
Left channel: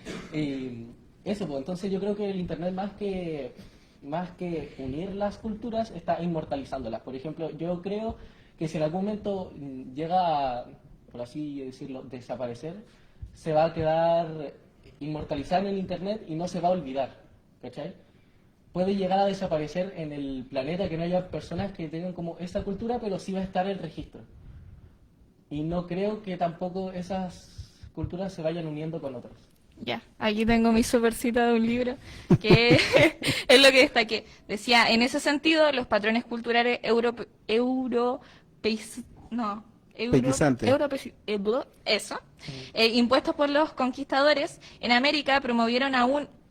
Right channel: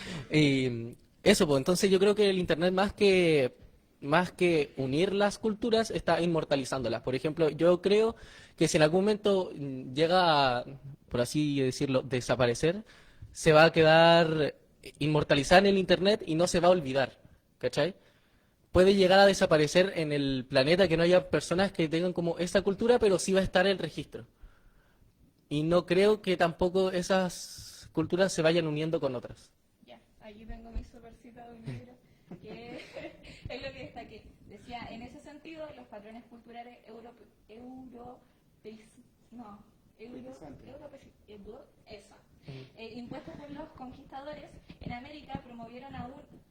Eso, pues entonces yo creo que el Internet más que unir las culturas está inmortalizándolas. Por ejemplo, yo creo que si en algún momento llega a, por así decirlo, desaparecer, se va a quedar inmortalizada en el Internet y no se va a olvidar, ¿cachai? Puede llegar a desaparecer en el planeta, que no haya personas que tengan como esa cultura, pero sí va a estar el registro. Y no creo que tampoco esas culturas se vayan uniendo con otras. Ya, aquí tengo mi super cita de un libro, que es lo que destaqué. Decía, en ese sentido, los patrones culturales impuestos por los conquistadores en América promovieron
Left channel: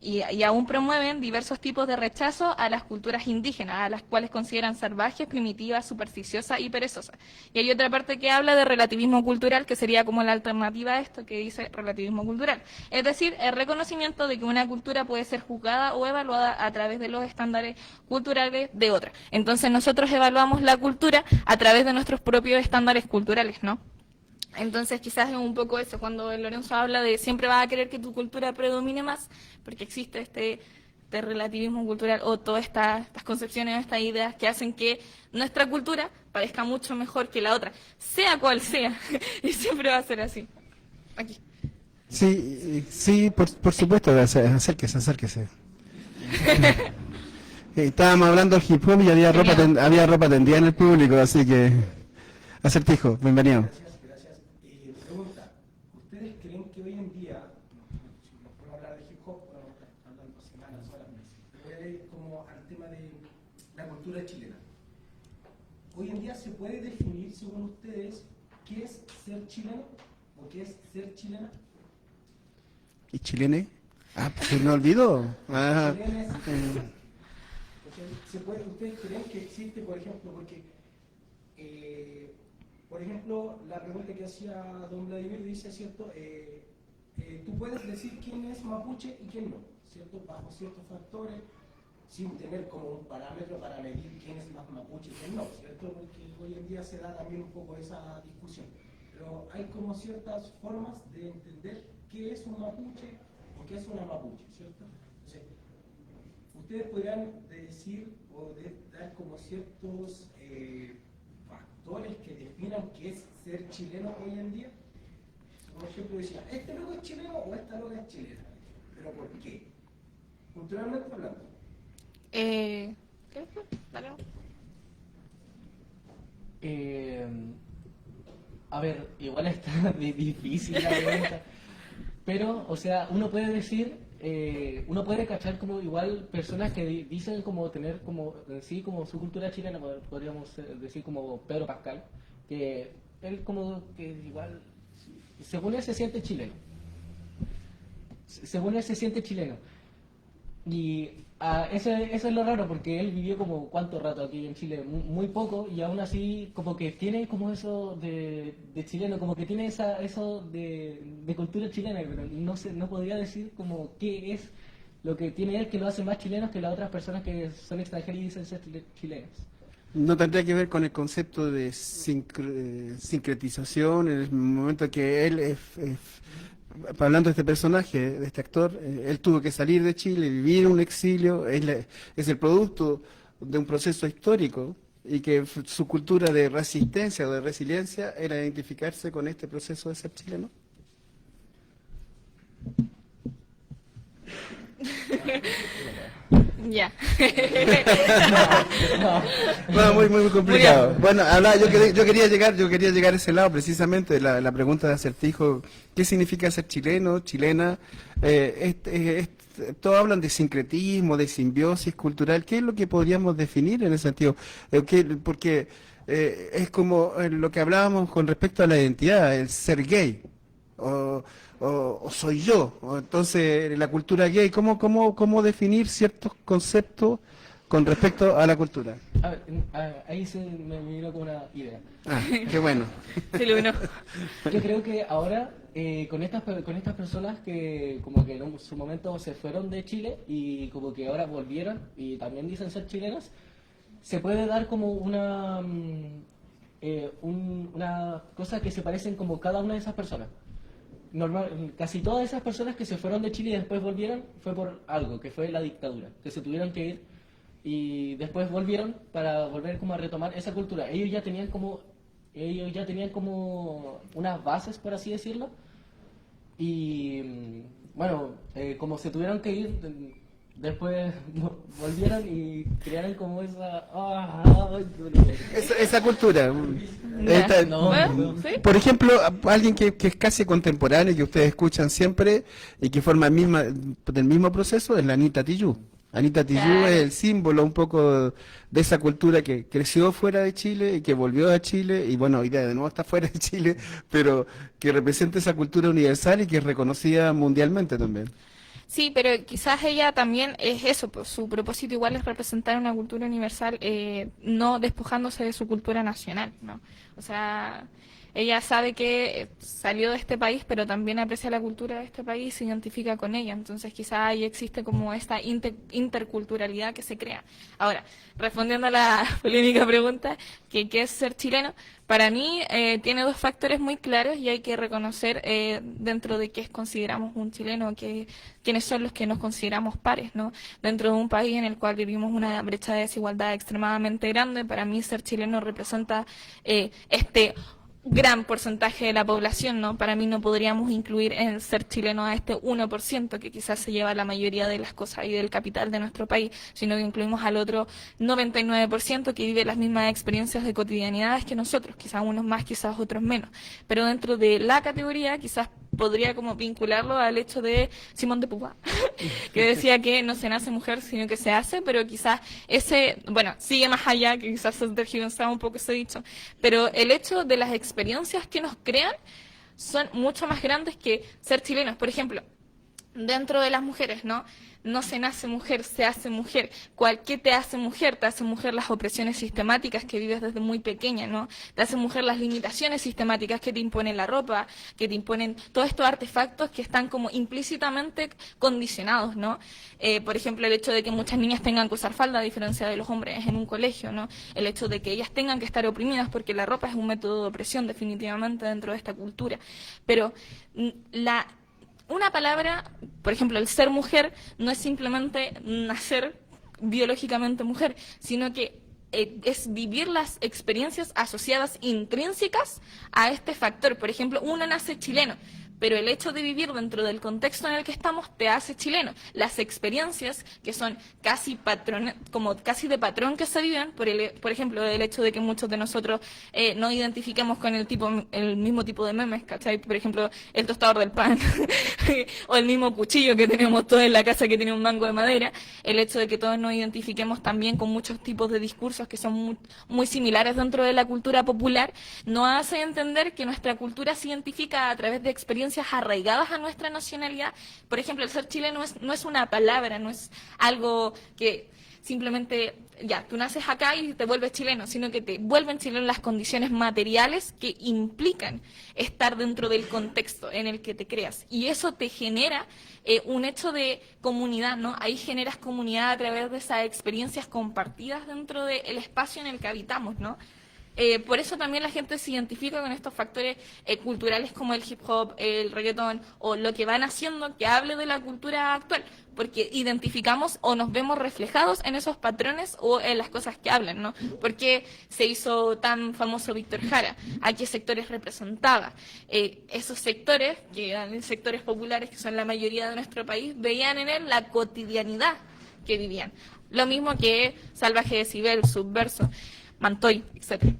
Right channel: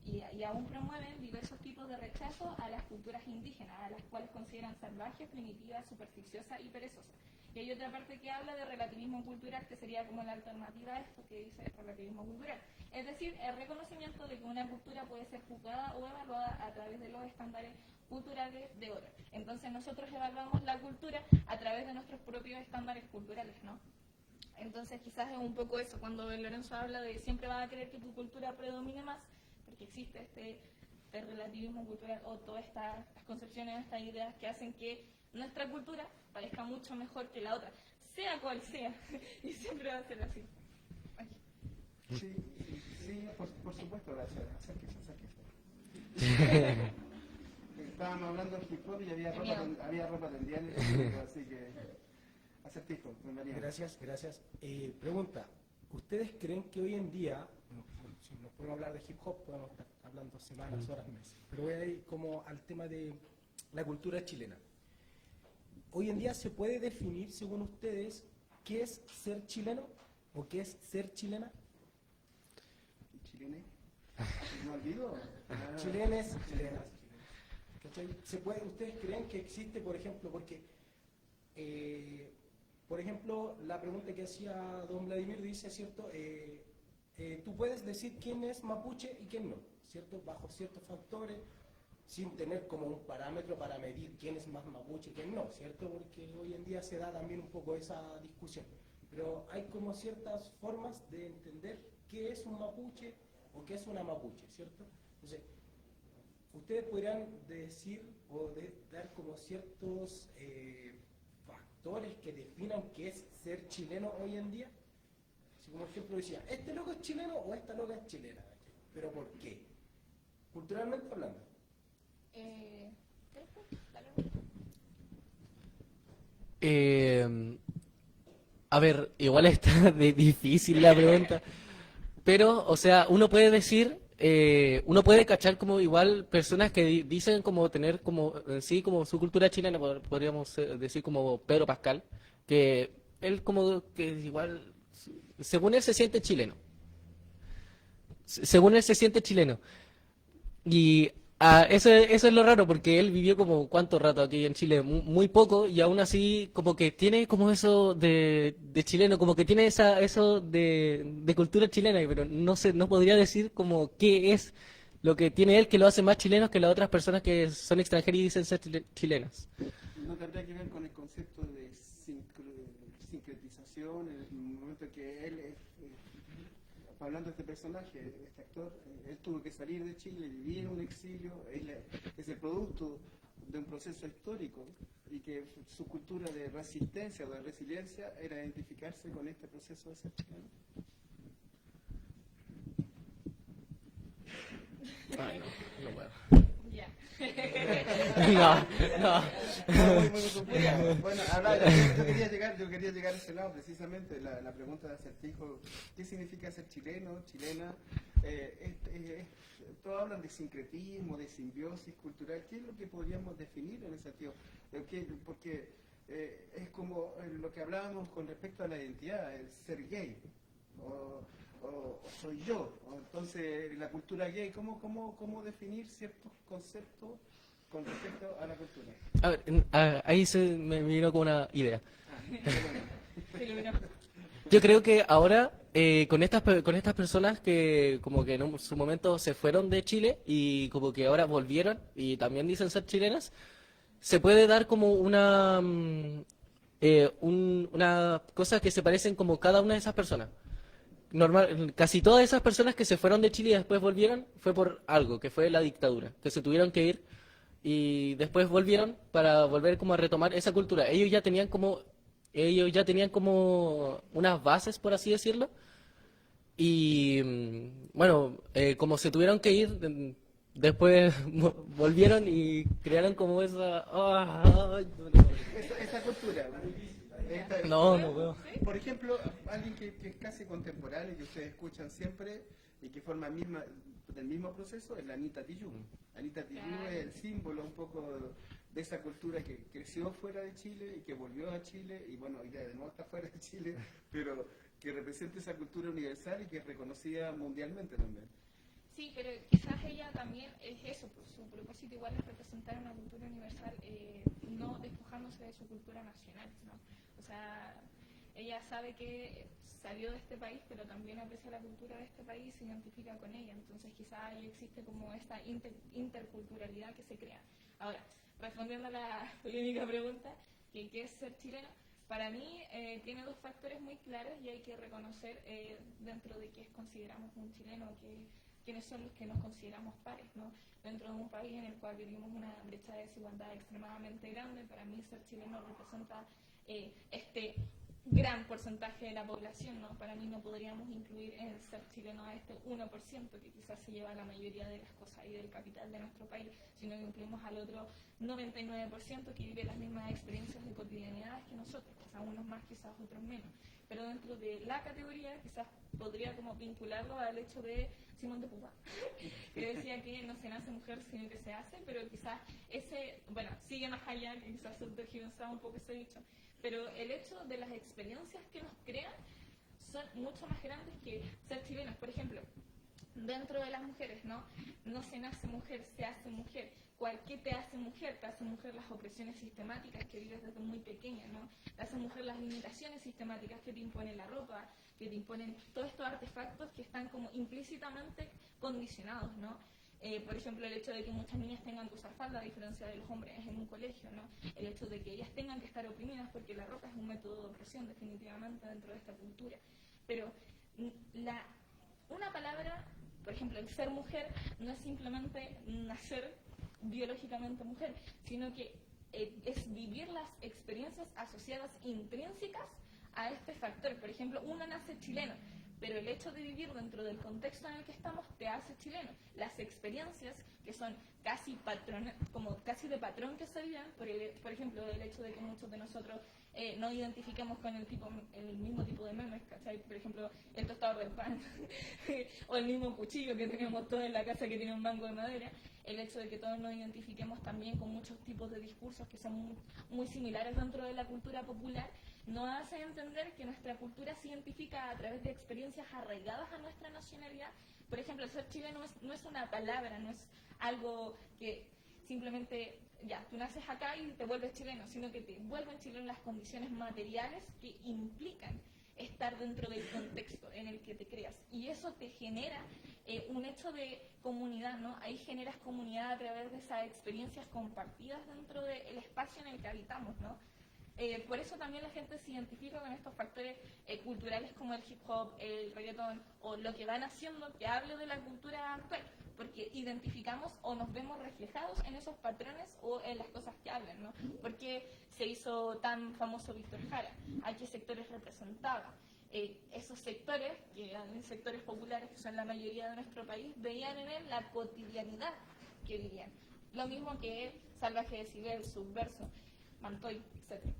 y aún promueven diversos tipos de rechazo a las culturas indígenas, a las cuales consideran salvajes, primitivas, supersticiosas y perezosas. Y hay otra parte que habla de relativismo cultural, que sería como la alternativa a esto que dice relativismo cultural. Es decir, el reconocimiento de que una cultura puede ser juzgada o evaluada a través de los estándares culturales de otra. Entonces nosotros evaluamos la cultura a través de nuestros propios estándares culturales, ¿no? Entonces quizás es un poco eso, cuando Lorenzo habla de siempre vas a querer que tu cultura predomine más, porque existe este este relativismo cultural o todas estas concepciones, estas ideas que hacen que nuestra cultura parezca mucho mejor que la otra, sea cual sea, y siempre va a ser así. Aquí. Sí, sí, por supuesto, acérquese, acérquese. Estábamos hablando del hip hop y había ropa tendida en el público, así que Acertijo, bienvenido. Gracias, gracias. Pregunta, ¿ustedes creen que hoy en día, si nos pueden hablar de hip hop, podemos estar hablando semanas, horas, pero voy a ir como al tema de la cultura chilena? Hoy en día se puede definir, según ustedes, qué es ser chileno o qué es ser chilena. ¿Y chilene? Ah, se me olvidó. Ah, Chilena es, ¿ustedes creen que existe, por ejemplo, porque, por ejemplo, la pregunta que hacía don Vladimir dice, ¿cierto? Tú puedes decir quién es mapuche y quién no, ¿cierto? Bajo ciertos factores, sin tener como un parámetro para medir quién es más mapuche y quién no, ¿cierto? Porque hoy en día se da también un poco esa discusión. Pero hay como ciertas formas de entender qué es un mapuche o qué es una mapuche, ¿cierto? Entonces, ustedes podrían decir o dar como ciertos factores que definan qué es ser chileno hoy en día. Por ejemplo, decía, ¿este loco es chileno o esta loca es chilena? ¿Pero por qué? Culturalmente hablando. ¿Qué? Dale. A ver, igual está difícil la pregunta, pero, o sea, uno puede decir, uno puede cachar como igual personas que dicen como tener como en sí como su cultura chilena, podríamos decir como Pedro Pascal, que él como que igual, según él se siente chileno, según él se siente chileno, y eso es lo raro, porque él vivió como cuánto rato aquí en Chile, muy poco, y aún así como que tiene como eso de chileno, como que tiene eso de cultura chilena, pero no podría decir como qué es lo que tiene él que lo hace más chileno que las otras personas que son extranjeras y dicen ser chilenas. ¿no tendría que ver con el concepto de sincretización en el momento que él hablando de este personaje, de este actor, él tuvo que salir de Chile, vivir un exilio, es el producto de un proceso histórico y que su cultura de resistencia o de resiliencia era identificarse con este proceso de ser chileno? Ya. No, muy complicado. Bueno, yo quería llegar a ese lado precisamente, la pregunta de Acertijo, ¿qué significa ser chileno, chilena? Todos hablan de sincretismo, de simbiosis cultural, ¿qué es lo que podríamos definir en ese sentido? Porque es como lo que hablábamos con respecto a la identidad, el ser gay, o soy yo, o entonces la cultura gay, ¿cómo definir ciertos conceptos con respecto a la cultura? Ahí me vino con una idea. Ah, qué bueno. Sí, lo vino. Yo creo que ahora con estas personas que como que en su momento se fueron de Chile y como que ahora volvieron y también dicen ser chilenas, se puede dar como una cosa que se parecen como cada una de esas personas. Casi todas esas personas que se fueron de Chile y después volvieron fue por algo, que fue la dictadura, que se tuvieron que ir y después volvieron para volver como a retomar esa cultura. Ellos ya tenían como unas bases, por así decirlo, y bueno, como se tuvieron que ir, después volvieron y crearon como esa cultura. Ya. no. Bueno, ¿sí? Por ejemplo, alguien que es casi contemporáneo, que ustedes escuchan siempre y que forma del mismo proceso, es la Anita Tijoux. Anita Tijoux Claro. es el símbolo un poco de esa cultura que creció fuera de Chile y que volvió a Chile, y bueno, hoy día de nuevo está fuera de Chile, pero que representa esa cultura universal y que es reconocida mundialmente también. Sí, pero quizás ella también es eso, pues, su propósito igual es representar una cultura universal, no despojándose de su cultura nacional, ¿no? O sea, ella sabe que salió de este país, pero también aprecia la cultura de este país y se identifica con ella. Entonces quizá ahí existe como esta interculturalidad que se crea. Ahora, respondiendo a la polémica pregunta, que ¿qué es ser chileno? Para mí tiene dos factores muy claros y hay que reconocer dentro de qué consideramos un chileno, quiénes son los que nos consideramos pares, ¿no? Dentro de un país en el cual vivimos una brecha de desigualdad extremadamente grande, para mí ser chileno representa este gran porcentaje de la población, ¿no? Para mí no podríamos incluir en ser chileno a este 1% que quizás se lleva la mayoría de las cosas y del capital de nuestro país, sino que incluimos al otro 99% que vive las mismas experiencias de cotidianidades que nosotros, quizás unos más, quizás otros menos. Pero dentro de la categoría quizás podría como vincularlo al hecho de Simón de Beauvoir, que decía que no se nace mujer, sino que se hace, pero quizás sigue más allá, que quizás se tergiversaba un poco ese dicho, pero el hecho de las experiencias que nos crean son mucho más grandes que ser chilenos. Por ejemplo, dentro de las mujeres, ¿no? No se nace mujer, se hace mujer. ¿Qué te hace mujer? Te hace mujer las opresiones sistemáticas que vives desde muy pequeña, ¿no? Te hace mujer las limitaciones sistemáticas que te imponen la ropa, que te imponen todos estos artefactos que están como implícitamente condicionados, ¿no? Por ejemplo, el hecho de que muchas niñas tengan que usar falda a diferencia de los hombres en un colegio, ¿no? El hecho de que ellas tengan que estar oprimidas porque la ropa es un método de opresión definitivamente dentro de esta cultura. Pero una palabra, por ejemplo, el ser mujer, no es simplemente nacer biológicamente mujer, sino que es vivir las experiencias asociadas intrínsecas a este factor. Por ejemplo, uno nace chileno, pero el hecho de vivir dentro del contexto en el que estamos te hace chileno. Las experiencias que son casi de patrón que se viven, por ejemplo, el hecho de que muchos de nosotros no identifiquemos con el mismo tipo de memes, ¿cachai? Por ejemplo, el tostador del pan o el mismo cuchillo que tenemos todos en la casa que tiene un mango de madera. El hecho de que todos nos identifiquemos también con muchos tipos de discursos que son muy similares dentro de la cultura popular, nos hace entender que nuestra cultura se identifica a través de experiencias arraigadas a nuestra nacionalidad. Por ejemplo, el ser chileno no es una palabra, no es algo que simplemente, tú naces acá y te vuelves chileno, sino que te vuelven chileno las condiciones materiales que implican estar dentro del contexto en el que te creas. Y eso te genera un hecho de comunidad, ¿no? Ahí generas comunidad a través de esas experiencias compartidas dentro del espacio en el que habitamos, ¿no? Por eso también la gente se identifica con estos factores culturales como el hip hop, el reggaetón o lo que van haciendo que hable de la cultura actual, porque identificamos o nos vemos reflejados en esos patrones o en las cosas que hablan, ¿no? ¿Por qué se hizo tan famoso Víctor Jara? ¿A qué sectores representaba? Esos sectores, que eran sectores populares, que son la mayoría de nuestro país, veían en él la cotidianidad que vivían. Lo mismo que Salvaje Decibel, Subverso, Mantoy, etcétera.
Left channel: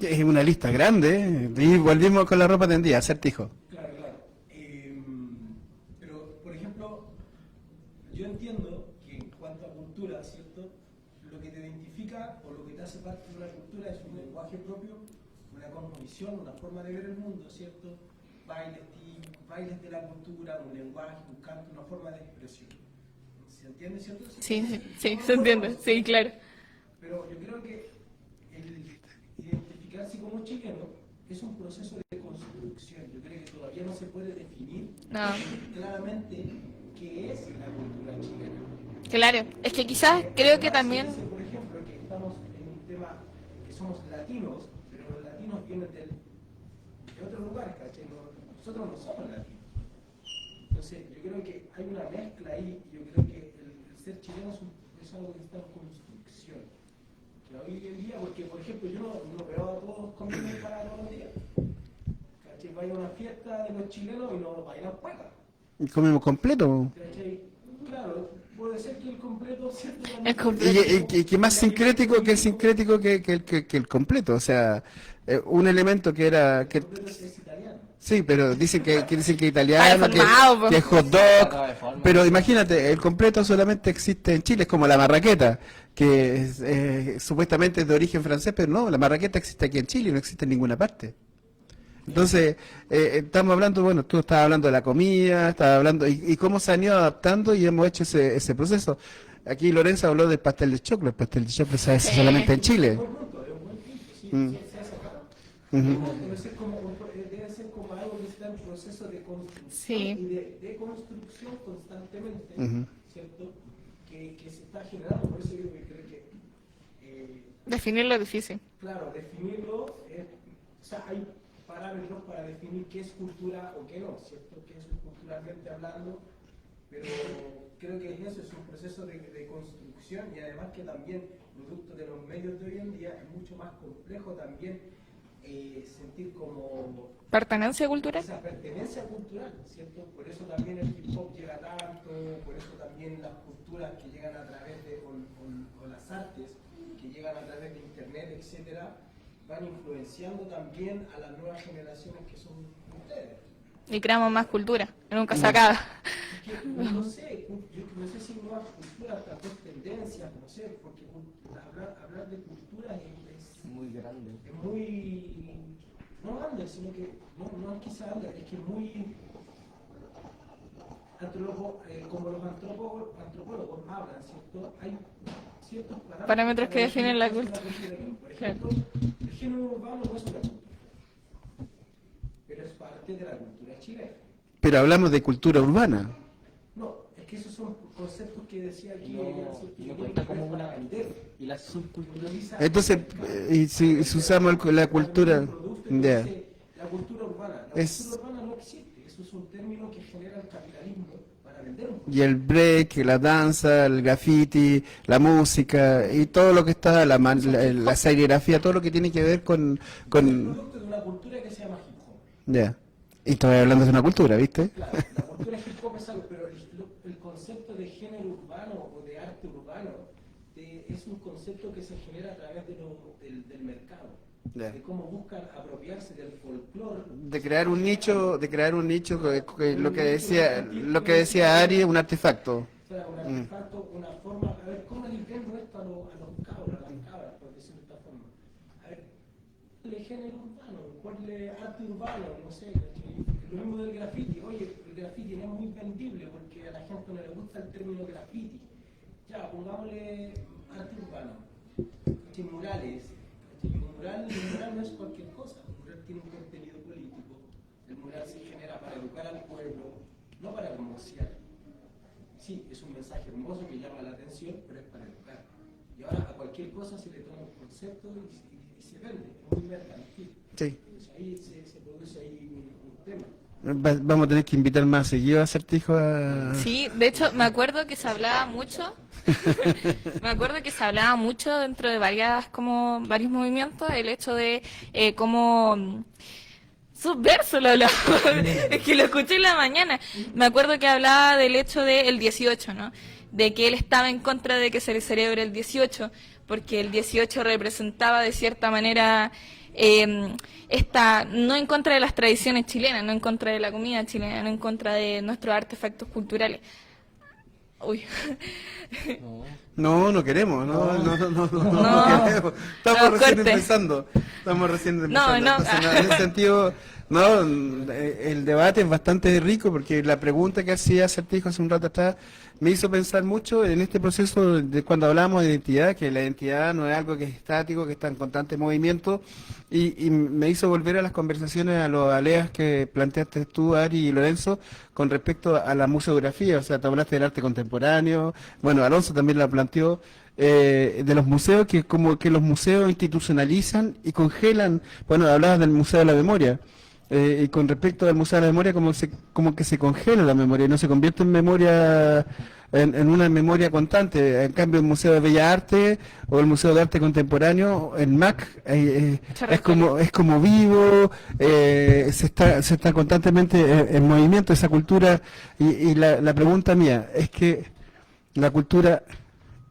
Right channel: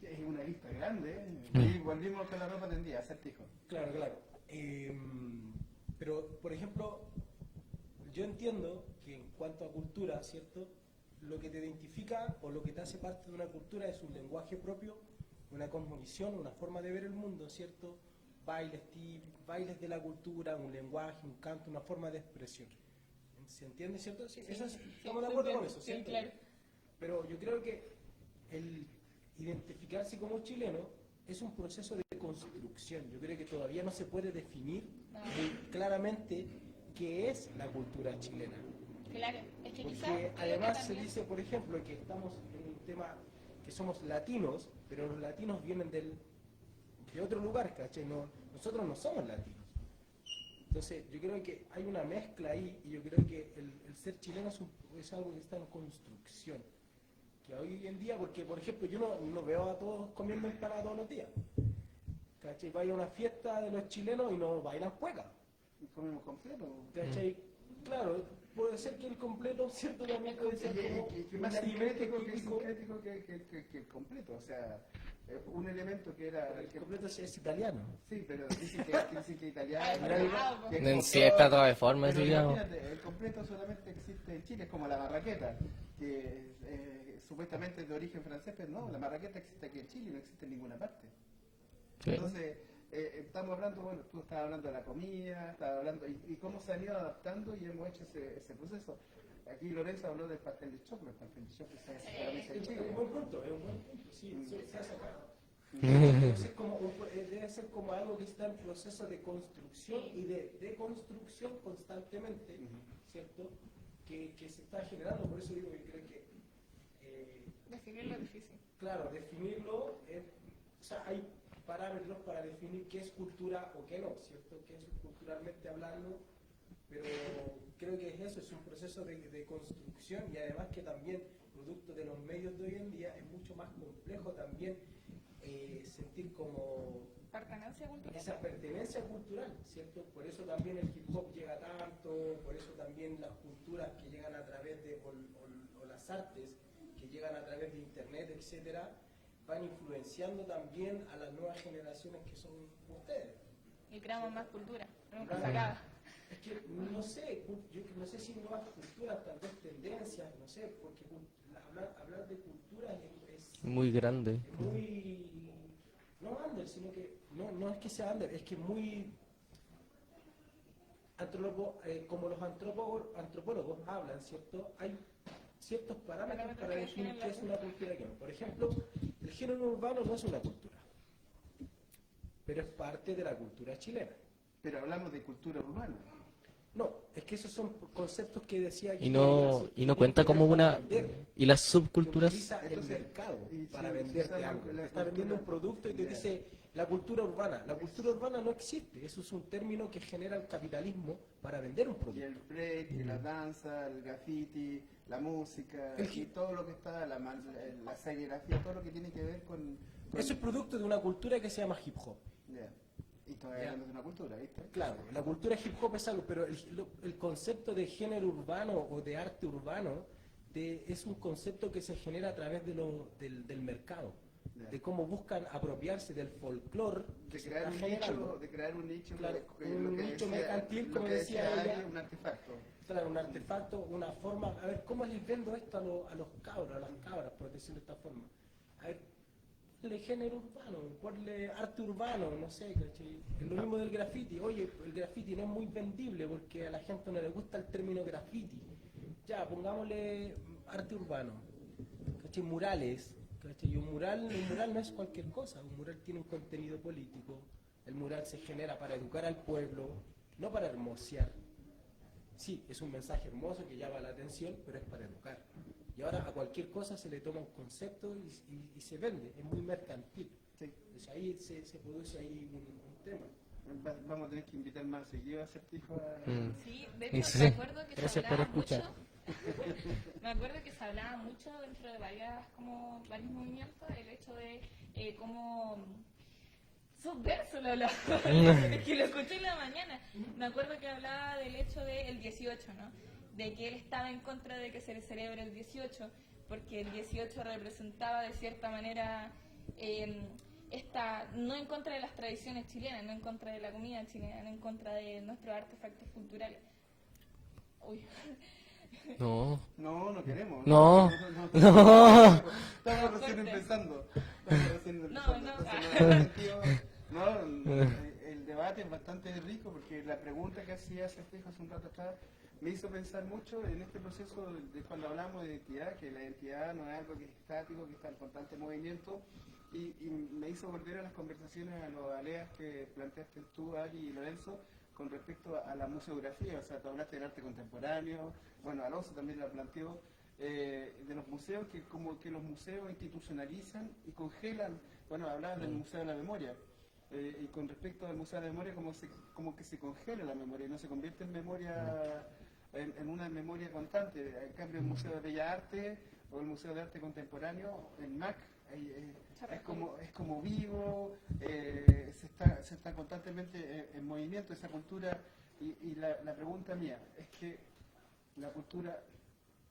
Es una lista grande, y volvimos con la ropa tendida, acertijo. Claro. Pero, por ejemplo, yo entiendo que en cuanto a cultura, ¿cierto? Lo que te identifica o lo que te hace parte de una cultura es un lenguaje propio, una cosmovisión, una forma de ver el mundo, ¿cierto? Bailes de la cultura, un lenguaje, un canto, una forma de expresión. ¿Se entiende, cierto? Sí, se entiende, sí, claro. Pero yo creo que el identificarse como chileno es un proceso de construcción. Yo creo que todavía no se puede definir claramente qué es la cultura chilena. Claro, es que quizás creo que también... Se dice, por ejemplo, que estamos en un tema que somos latinos, pero los latinos vienen de otro lugar, ¿cachai? Nosotros no somos latinos. Entonces, yo creo que hay una mezcla ahí y yo creo que el ser chileno es algo que está en construcción. Hoy en día, porque por ejemplo yo no veo a todos comiendo empanada todos los días. ¿Cachai? Vaya a una fiesta de los chilenos y no bailan cueca. Y comemos completo. ¿Cachai? Claro, puede ser que el completo, ¿cierto? Es completo. Y que más sincrético que el sincrético que el completo. O sea, un elemento que era... El completo es italiano. Sí, pero dicen que italiano, que es hot Sí, está dog. de forma, Pero ¿no? imagínate, el completo solamente existe en Chile, es como la marraqueta, que supuestamente es de origen francés, pero no, la marraqueta existe aquí en Chile, no existe en ninguna parte. Entonces, estamos hablando, bueno, tú estabas hablando de la comida, estabas hablando, y cómo se han ido adaptando y hemos hecho ese proceso. Aquí Lorenzo habló del pastel de choclo, el pastel de choclo se hace solamente en Chile. Debe ser como algo que está en proceso de construcción Sí. y de deconstrucción constantemente, Ujú. ¿cierto? Que se está generando. Por eso yo creo que, Definirlo es difícil. claro, definirlo, o sea, hay parámetros para definir qué es cultura o qué no, ¿cierto? Qué es culturalmente hablando, pero creo que eso es un proceso de construcción y además que también, producto de los medios de hoy en día, es mucho más complejo también sentir como Pertenencia cultural. esa pertenencia cultural, ¿cierto? Por eso también el hip hop llega tanto, por eso también las culturas que llegan a través de, o las artes que llegan a través de internet, etcétera, van influenciando también a las nuevas generaciones que son ustedes. Y creamos más cultura, que nunca se acaba. Es que, no sé, yo no sé si nuevas culturas, tal vez tendencias, no sé, porque hablar de cultura es Muy grande. es muy, no under, sino que no es que sea under, es que es muy como los antropólogos hablan, ¿cierto? Hay ciertos Parámetros que para definen la definir cultura. Por ejemplo, el género urbano no es una cultura, pero es parte de la cultura chilena. Pero hablamos de cultura urbana. No, es que esos son conceptos que decía Y no cuenta como una... ¿Y las subculturas? Entonces, y si usamos la cultura... ya. La cultura urbana. La Es- cultura urbana no existe. Eso es un término que genera el capitalismo para vender un producto. Y el break, la danza, el graffiti, la música y todo lo que está, la serigrafía, todo lo que tiene que ver con... Es el producto de una cultura que se llama hip hop. Ya. Y estoy hablando de una cultura, ¿viste? Claro, la cultura hip hop es algo, pero el concepto de género urbano o de arte urbano es un concepto que se genera a través del mercado. Ya. De cómo buscan apropiarse del folclore. De crear un nicho, que lo que decía Ari, un artefacto. Claro, un artefacto, una forma. A ver, ¿cómo les vendo esto a los cabros, a las cabras, por decirlo de esta forma? A ver, ponle género urbano, ponle arte urbano, no sé, ¿cachai? Es lo mismo del graffiti. Oye, el graffiti no es muy vendible porque a la gente no le gusta el término graffiti. Ya, pongámosle arte urbano, ¿cachai? Murales. ¿cachai? Un mural no es cualquier cosa, un mural tiene un contenido político, el mural se genera para educar al pueblo, no para hermosear. Sí, es un mensaje hermoso que llama la atención, pero es para educar. Y ahora a cualquier cosa se le toma un concepto y se vende, es muy mercantil. Sí. Entonces ahí se produce ahí un tema. Vamos a tener que invitar más seguido a Acertijo a... Sí, de hecho, me acuerdo que se hablaba mucho. Me acuerdo que se hablaba mucho dentro de varios movimientos el hecho de cómo Subverso lo hablaba. Es que lo escuché en la mañana. Me acuerdo que hablaba del hecho del 18, ¿no? De que él estaba en contra de que se le celebre el 18, porque el 18 representaba de cierta manera no en contra de las tradiciones chilenas, no en contra de la comida chilena, no en contra de nuestros artefactos culturales. Uy. No. No queremos. No. No queremos. Estamos No, recién corte. empezando. No. Entonces, en ese sentido, no, el debate es bastante rico porque la pregunta que hacía Acertijo hace un rato atrás me hizo pensar mucho en este proceso de cuando hablábamos de identidad, que la identidad no es algo que es estático, que está en constante movimiento, y me hizo volver a las conversaciones, a los aleas que planteaste tú, Ari y Lorenzo, con respecto a la museografía. O sea, te hablaste del arte contemporáneo, bueno, Alonso también la planteó, de los museos, que como que los museos institucionalizan y congelan. Bueno, hablabas del Museo de la Memoria. Y con respecto al Museo de la Memoria, como que se congela la memoria y no se convierte en memoria, en una memoria constante. En cambio, el Museo de Bellas Artes o el Museo de Arte Contemporáneo, el MAC, es como vivo, se está constantemente en movimiento esa cultura. Y la pregunta mía es que la cultura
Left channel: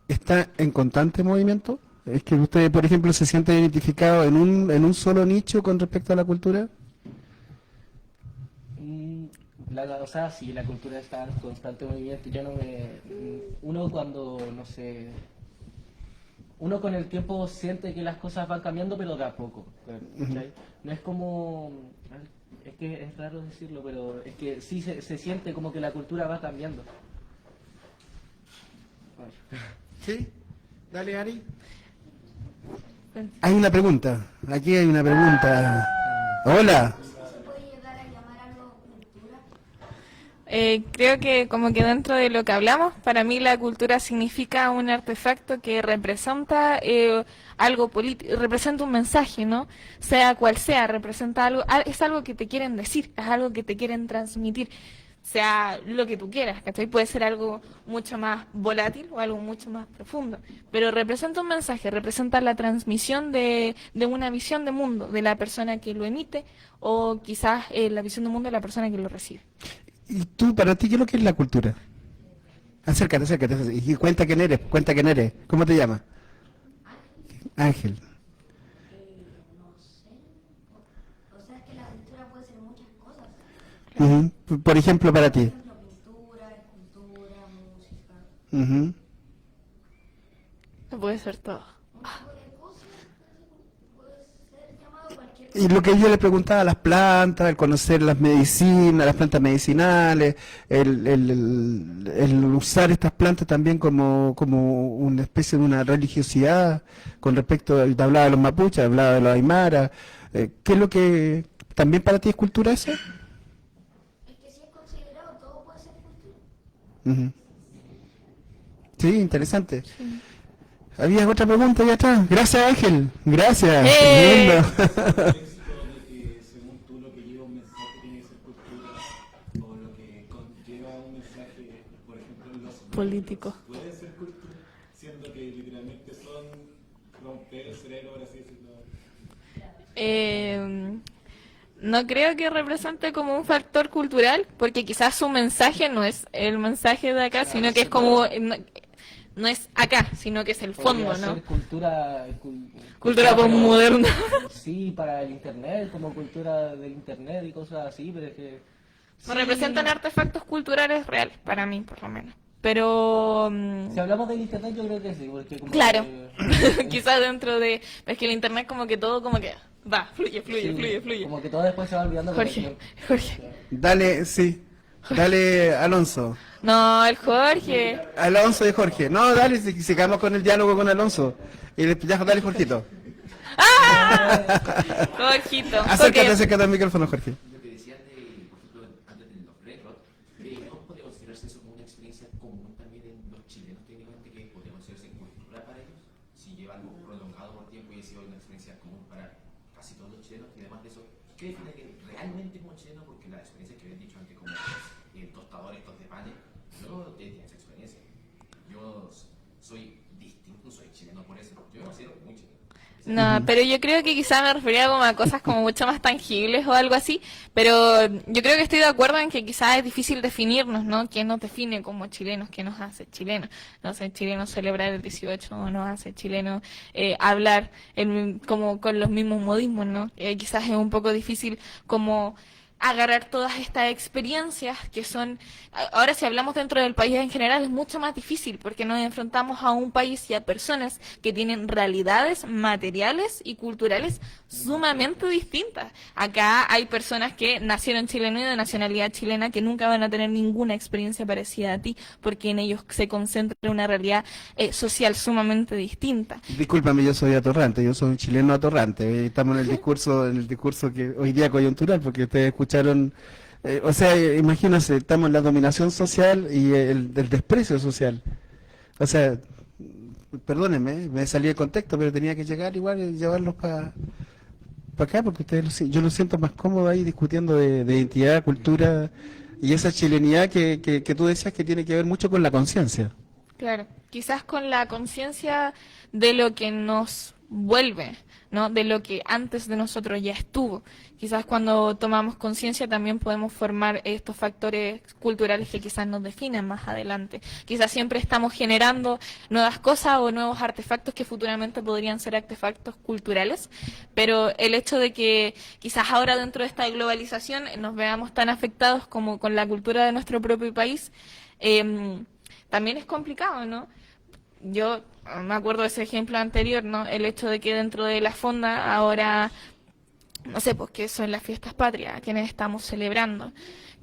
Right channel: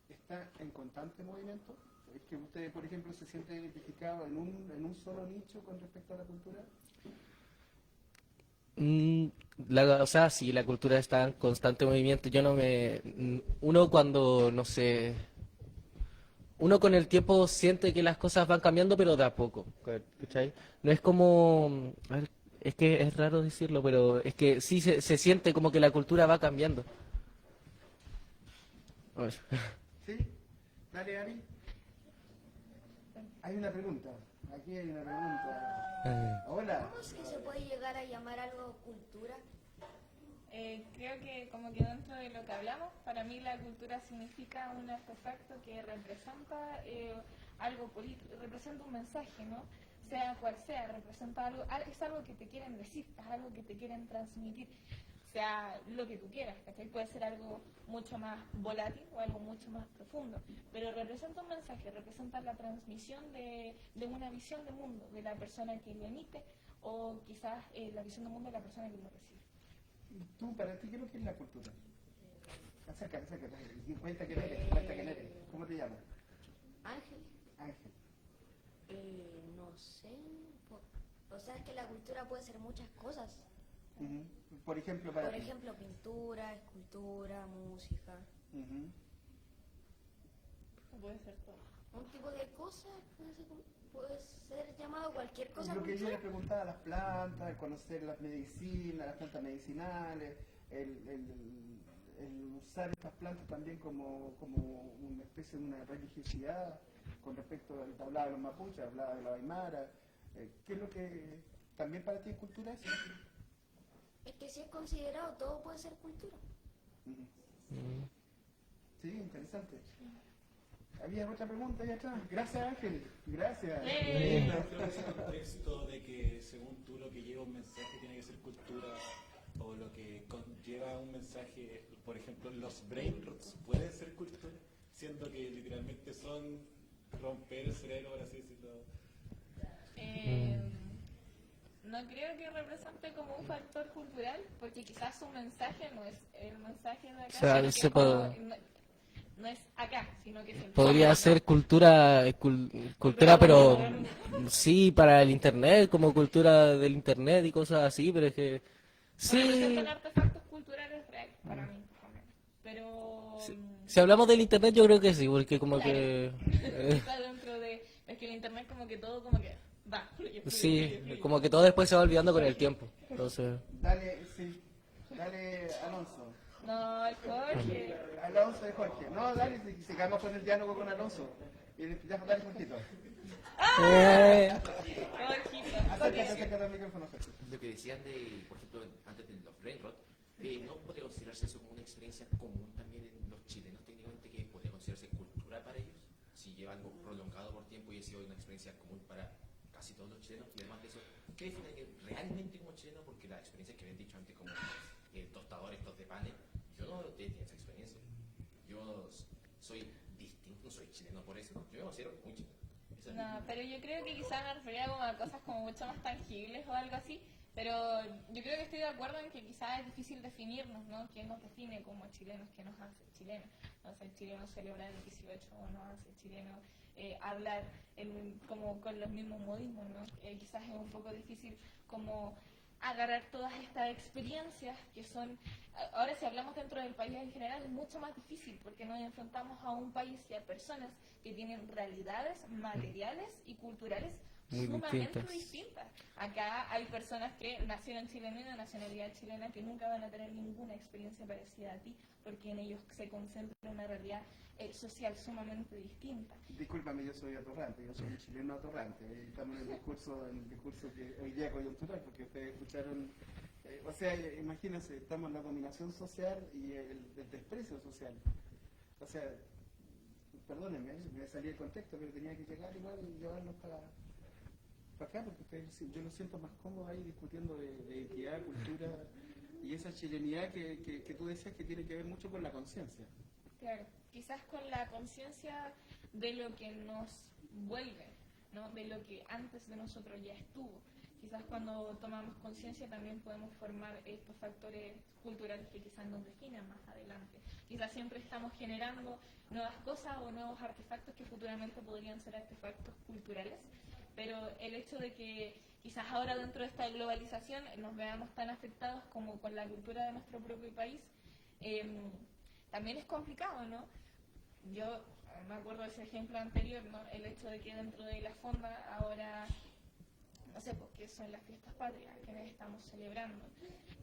está en constante movimiento. ¿Es que usted, por ejemplo, se siente identificado en un solo nicho con respecto a la cultura? O sea, sí, la cultura está en constante movimiento. Uno cuando, no sé, uno con el tiempo siente que las cosas van cambiando, pero de a poco. ¿Cachai? No es como, a ver, es que es raro decirlo, pero es que sí se siente como que la cultura va cambiando. A ver. Sí, dale, Ari. Hay una pregunta. Aquí hay una pregunta. Hola. Creo que como que dentro de lo que hablamos, para mí la cultura significa un artefacto que representa algo político, representa un mensaje, ¿no? Sea cual sea, representa algo, es algo que te quieren decir, es algo que te quieren transmitir, sea lo que tú quieras, ¿cachai? Puede ser algo mucho más volátil o algo mucho más profundo, pero representa un mensaje, representa la transmisión de una visión de mundo, de la persona que lo emite o quizás la visión de mundo de la persona que lo recibe. ¿Y tú, para ti, qué es lo que es la cultura? Acércate, acércate. Y cuenta quién eres, cuenta quién eres. ¿Cómo te llamas? Ángel. No sé, o sea, es que la cultura puede ser muchas cosas. Ujú. Por ejemplo, para ti. Por ejemplo, pintura, escultura, música, Ujú. No puede ser todo. un tipo de cosas, puede ser llamado cualquier Y lo que yo le preguntaba a las plantas, el conocer las medicinas, las plantas medicinales, el usar estas plantas también como una especie de una religiosidad con respecto, hablaba de los mapuches, hablaba de los aymaras, ¿qué es lo que también para ti es cultura eso? es que si es considerado todo puede ser cultura. Ujú. Sí, interesante. ¿Había otra pregunta allá atrás? Gracias, Ángel. Gracias. Lindo. Éxito de que según tú lo que lleva un mensaje tiene que ser cultura o lo que conlleva un mensaje, por ejemplo, los Político. verbos, puede ser cultura, siendo que literalmente son romper el cerebro, por así decirlo. No creo que represente como un factor cultural, porque quizás su mensaje no es el mensaje de acá, Claro, sino que se es como... puede- No es acá, sino que es el fondo, Podría ¿no? ser cultura, Cultura pero- moderna. Sí, para el internet, como cultura del internet y cosas así, pero es que... sí. Representan artefactos culturales reales, para mí, por lo menos. Pero... Si hablamos del internet, yo creo que sí, porque como claro, que... quizás dentro de... Es que el internet como que todo como que va, fluye, sí, fluye. como que todo después se va olvidando con el Jorge, tiempo. Jorge. Entonces, Dale, sí. Dale, Alonso. No, el Jorge. Alonso y Jorge. No, dale, si quedamos con el diálogo con Alonso. Y ya, dale, Jorgito. Jorgito. Acércate, Jorge. acércate al micrófono, Jorge. Lo que decían de, por ejemplo, antes de los Red Rock, no puede considerarse eso como una experiencia común también en los chilenos, técnicamente, que puede considerarse cultural para ellos, si lleva algo prolongado por tiempo y ha sido una experiencia común para casi todos los chilenos, y además de eso, ¿qué define que realmente como chileno? Porque las experiencias que habéis dicho antes, como el tostador, estos de panes, yo no tenía esa experiencia. Yo soy distinto, soy chileno por eso, yo no considero muy chileno. No, pero yo creo que quizá me refería como a cosas como mucho más tangibles o algo así, pero yo creo que estoy de acuerdo en que quizás es difícil definirnos, ¿no? ¿Quién nos define como chilenos? ¿Qué nos hace chilenos? ¿Nos hace chilenos celebrar el 18 o nos hace chilenos hablar como con los mismos modismos, ¿no? Quizás es un poco difícil como agarrar todas estas experiencias que son, ahora si hablamos dentro del país en general es mucho más difícil porque nos enfrentamos a un país y a personas que tienen realidades materiales y culturales sumamente distintas. Acá hay personas que nacieron chilenos y de nacionalidad chilena que nunca van a tener ninguna experiencia parecida a ti porque en ellos se concentra una realidad social sumamente distinta. Discúlpame, yo soy atorrante, yo soy un chileno atorrante. Estamos en el discurso que hoy día coyuntural, porque ustedes escucharon, o sea, imagínense, estamos en la dominación social y el desprecio social. O sea, perdónenme, me salí del contexto, pero tenía que llegar igual y llevarlos para acá, porque yo lo siento más cómodo ahí discutiendo de identidad, cultura y esa chilenidad que tú decías que tiene que ver mucho con la conciencia. Claro, quizás con la conciencia de lo que nos vuelve, ¿no? De lo que antes de nosotros ya estuvo. Quizás cuando tomamos conciencia también podemos formar estos factores culturales que quizás nos definen más adelante. Quizás siempre estamos generando nuevas cosas o nuevos artefactos que futuramente podrían ser artefactos culturales, pero el hecho de que quizás ahora dentro de esta globalización nos veamos tan afectados como con la cultura de nuestro propio país, también es complicado, ¿no? Yo me acuerdo de ese ejemplo anterior, ¿no? El hecho de que dentro de la fonda ahora, no sé, pues que son las fiestas patrias, quienes estamos celebrando,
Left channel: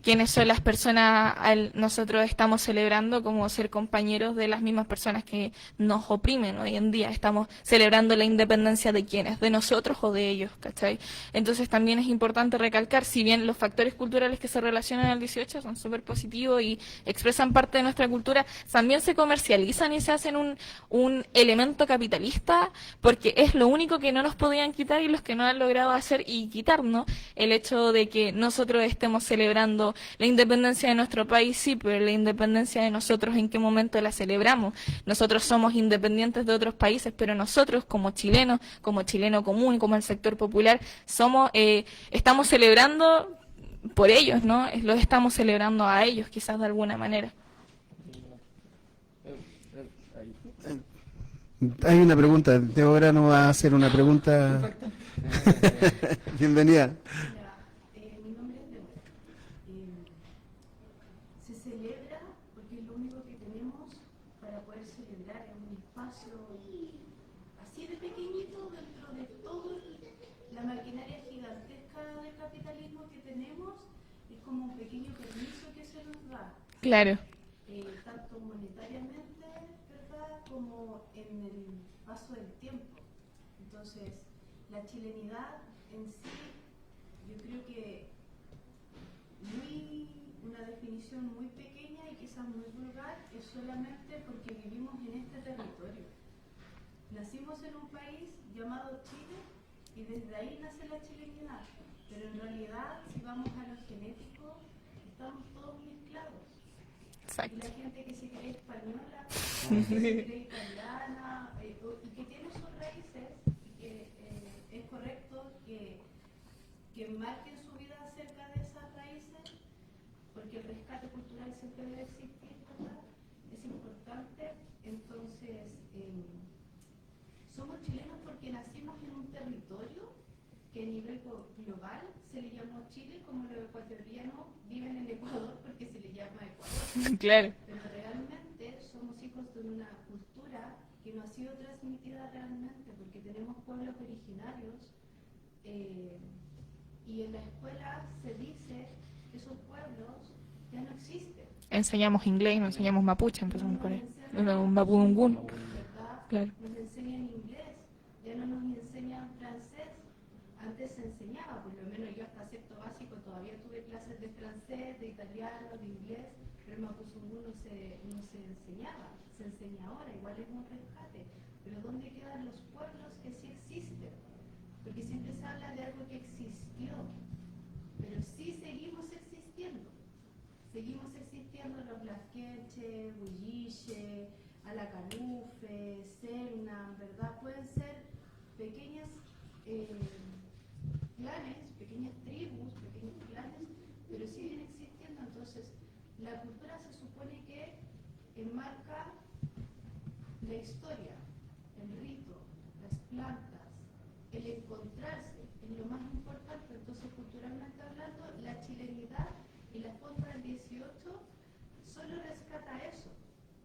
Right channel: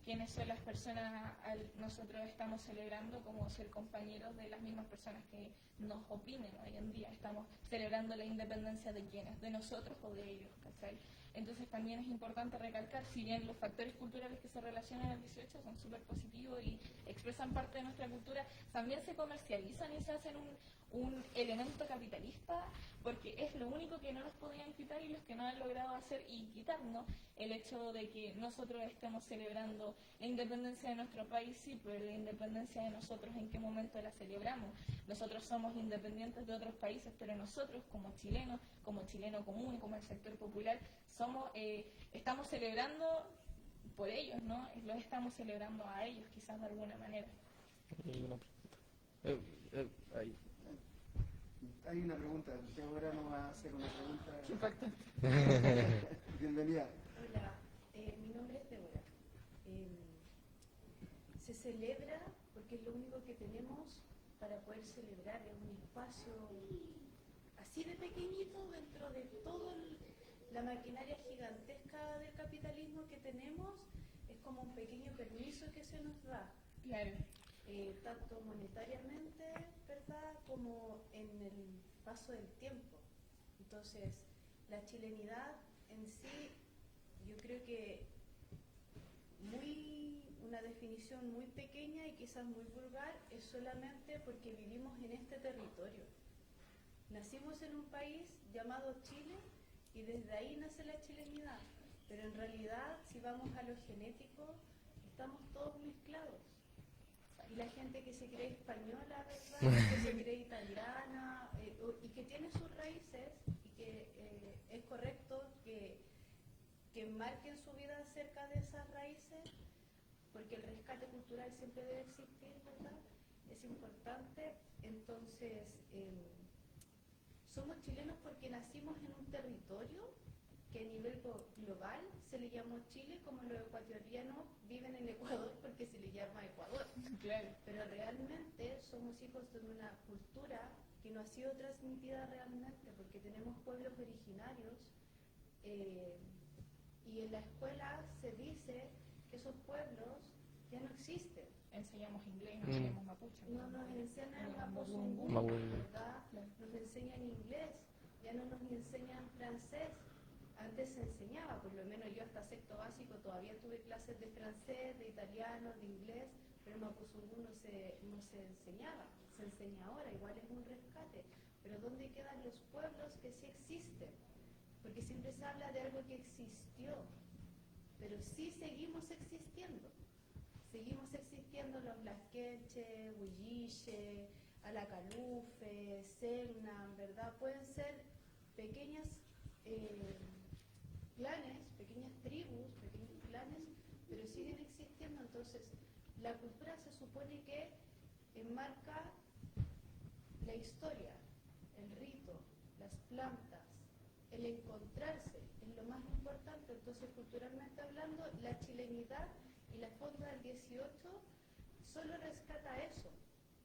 quiénes son las personas nosotros estamos celebrando como ser compañeros de las mismas personas que nos oprimen hoy en día. Estamos celebrando la independencia de quiénes, de nosotros o de ellos, ¿cachai? Entonces también es importante recalcar, si bien los factores culturales que se relacionan al 18 son súper positivos y expresan parte de nuestra cultura, también se comercializan y se hacen un elemento capitalista, porque es lo único que no nos podían quitar y los que no han logrado hacer y quitarnos, el hecho de que nosotros estemos celebrando la independencia de nuestro país, sí, pero la independencia de nosotros, ¿en qué momento la celebramos? Nosotros somos independientes de otros países, pero nosotros como chilenos, como chileno común, como el sector popular, estamos celebrando por ellos, ¿no? Los estamos celebrando a ellos, quizás de alguna manera. Hay una pregunta. Débora nos va a hacer una pregunta. Bienvenida. Mi nombre es Débora. Se celebra porque es lo único que tenemos para poder celebrar en un espacio así de pequeñito dentro de toda la maquinaria gigantesca del capitalismo que tenemos. Es como un pequeño permiso que se nos da. Claro. Tanto monetariamente, ¿verdad?, como en el paso del tiempo. Entonces, la chilenidad en sí, yo creo que una definición muy pequeña y quizás muy vulgar, es solamente porque vivimos en este territorio. Nacimos en un país llamado Chile y desde ahí nace la chilenidad, pero en realidad, si vamos a lo genético, estamos todos mezclados. Exacto. Y la gente que se cree española, que se cree italiana, y que tiene sus raíces, y que es correcto que marquen su vida acerca de esas raíces, porque el rescate cultural siempre debe existir, ¿verdad? Es importante. Entonces, somos chilenos porque nacimos en un territorio que a nivel global se le llamó Chile, como los ecuatorianos viven en Ecuador porque se le llama Ecuador. Claro. Pero realmente somos hijos de una cultura que no ha sido transmitida realmente, porque tenemos pueblos originarios y en la escuela se dice que esos pueblos ya no existen. Enseñamos inglés, no enseñamos mapuche, empezamos por ahí. Un Mapudungún. ¿verdad? Claro. Nos enseñan inglés, ya no nos enseñan francés. Antes se enseñaba, por lo menos yo hasta sexto básico todavía tuve clases de francés, de italiano, de inglés, pero el mapudungún no se enseñaba, se enseña ahora, igual es un rescate. Pero ¿dónde quedan los pueblos que sí existen? Porque siempre se habla de algo que existió, pero sí seguimos existiendo. Seguimos existiendo los Blasquenche, Huilliche, Alacalufe, Selna, ¿verdad? Pueden ser pequeñas clanes, pequeñas tribus, pequeños clanes, pero siguen existiendo. Entonces, la cultura se supone que enmarca la historia, el rito, las plantas, el encontrarse, es lo más importante. Entonces, culturalmente hablando, la chilenidad y la forma del 18 solo rescata eso,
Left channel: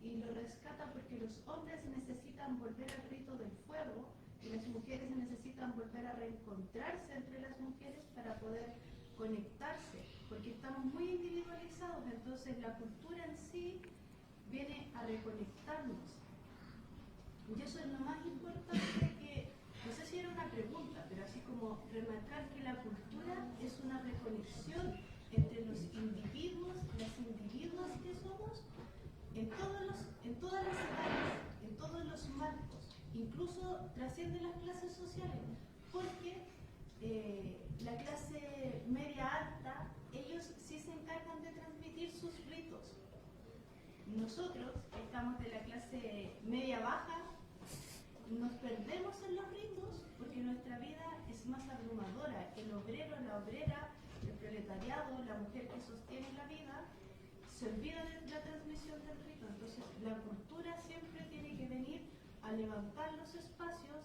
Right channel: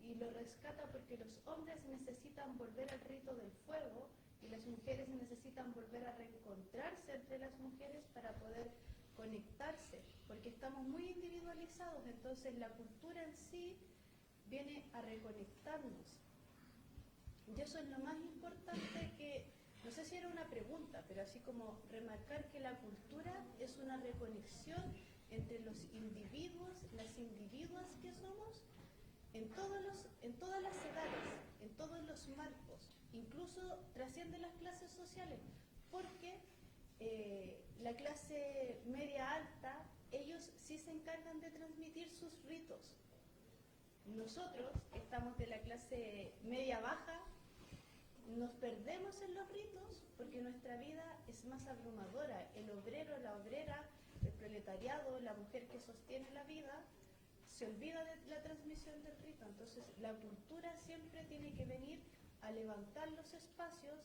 y lo rescata porque los hombres necesitan volver al rito del fuego y las mujeres necesitan volver a reencontrarse entre las mujeres para poder conectarse, porque estamos muy individualizados. Entonces la cultura en sí viene a reconectarnos, y eso es lo más importante. Que no sé si era una pregunta, pero así como remarcar que la cultura es una reconexión entre los individuos, las individuas que somos, en todas las edades, en todos los marcos, incluso trasciende las clases sociales, porque la clase media alta, ellos sí se encargan de transmitir sus ritos. Nosotros, que estamos de la clase media baja, nos perdemos en los ritos porque nuestra vida es más abrumadora. El obrero, la obrera, el proletariado, la mujer que sostiene la vida, se olvida de la transmisión del rito. Entonces, la cultura siempre tiene que venir a levantar los espacios,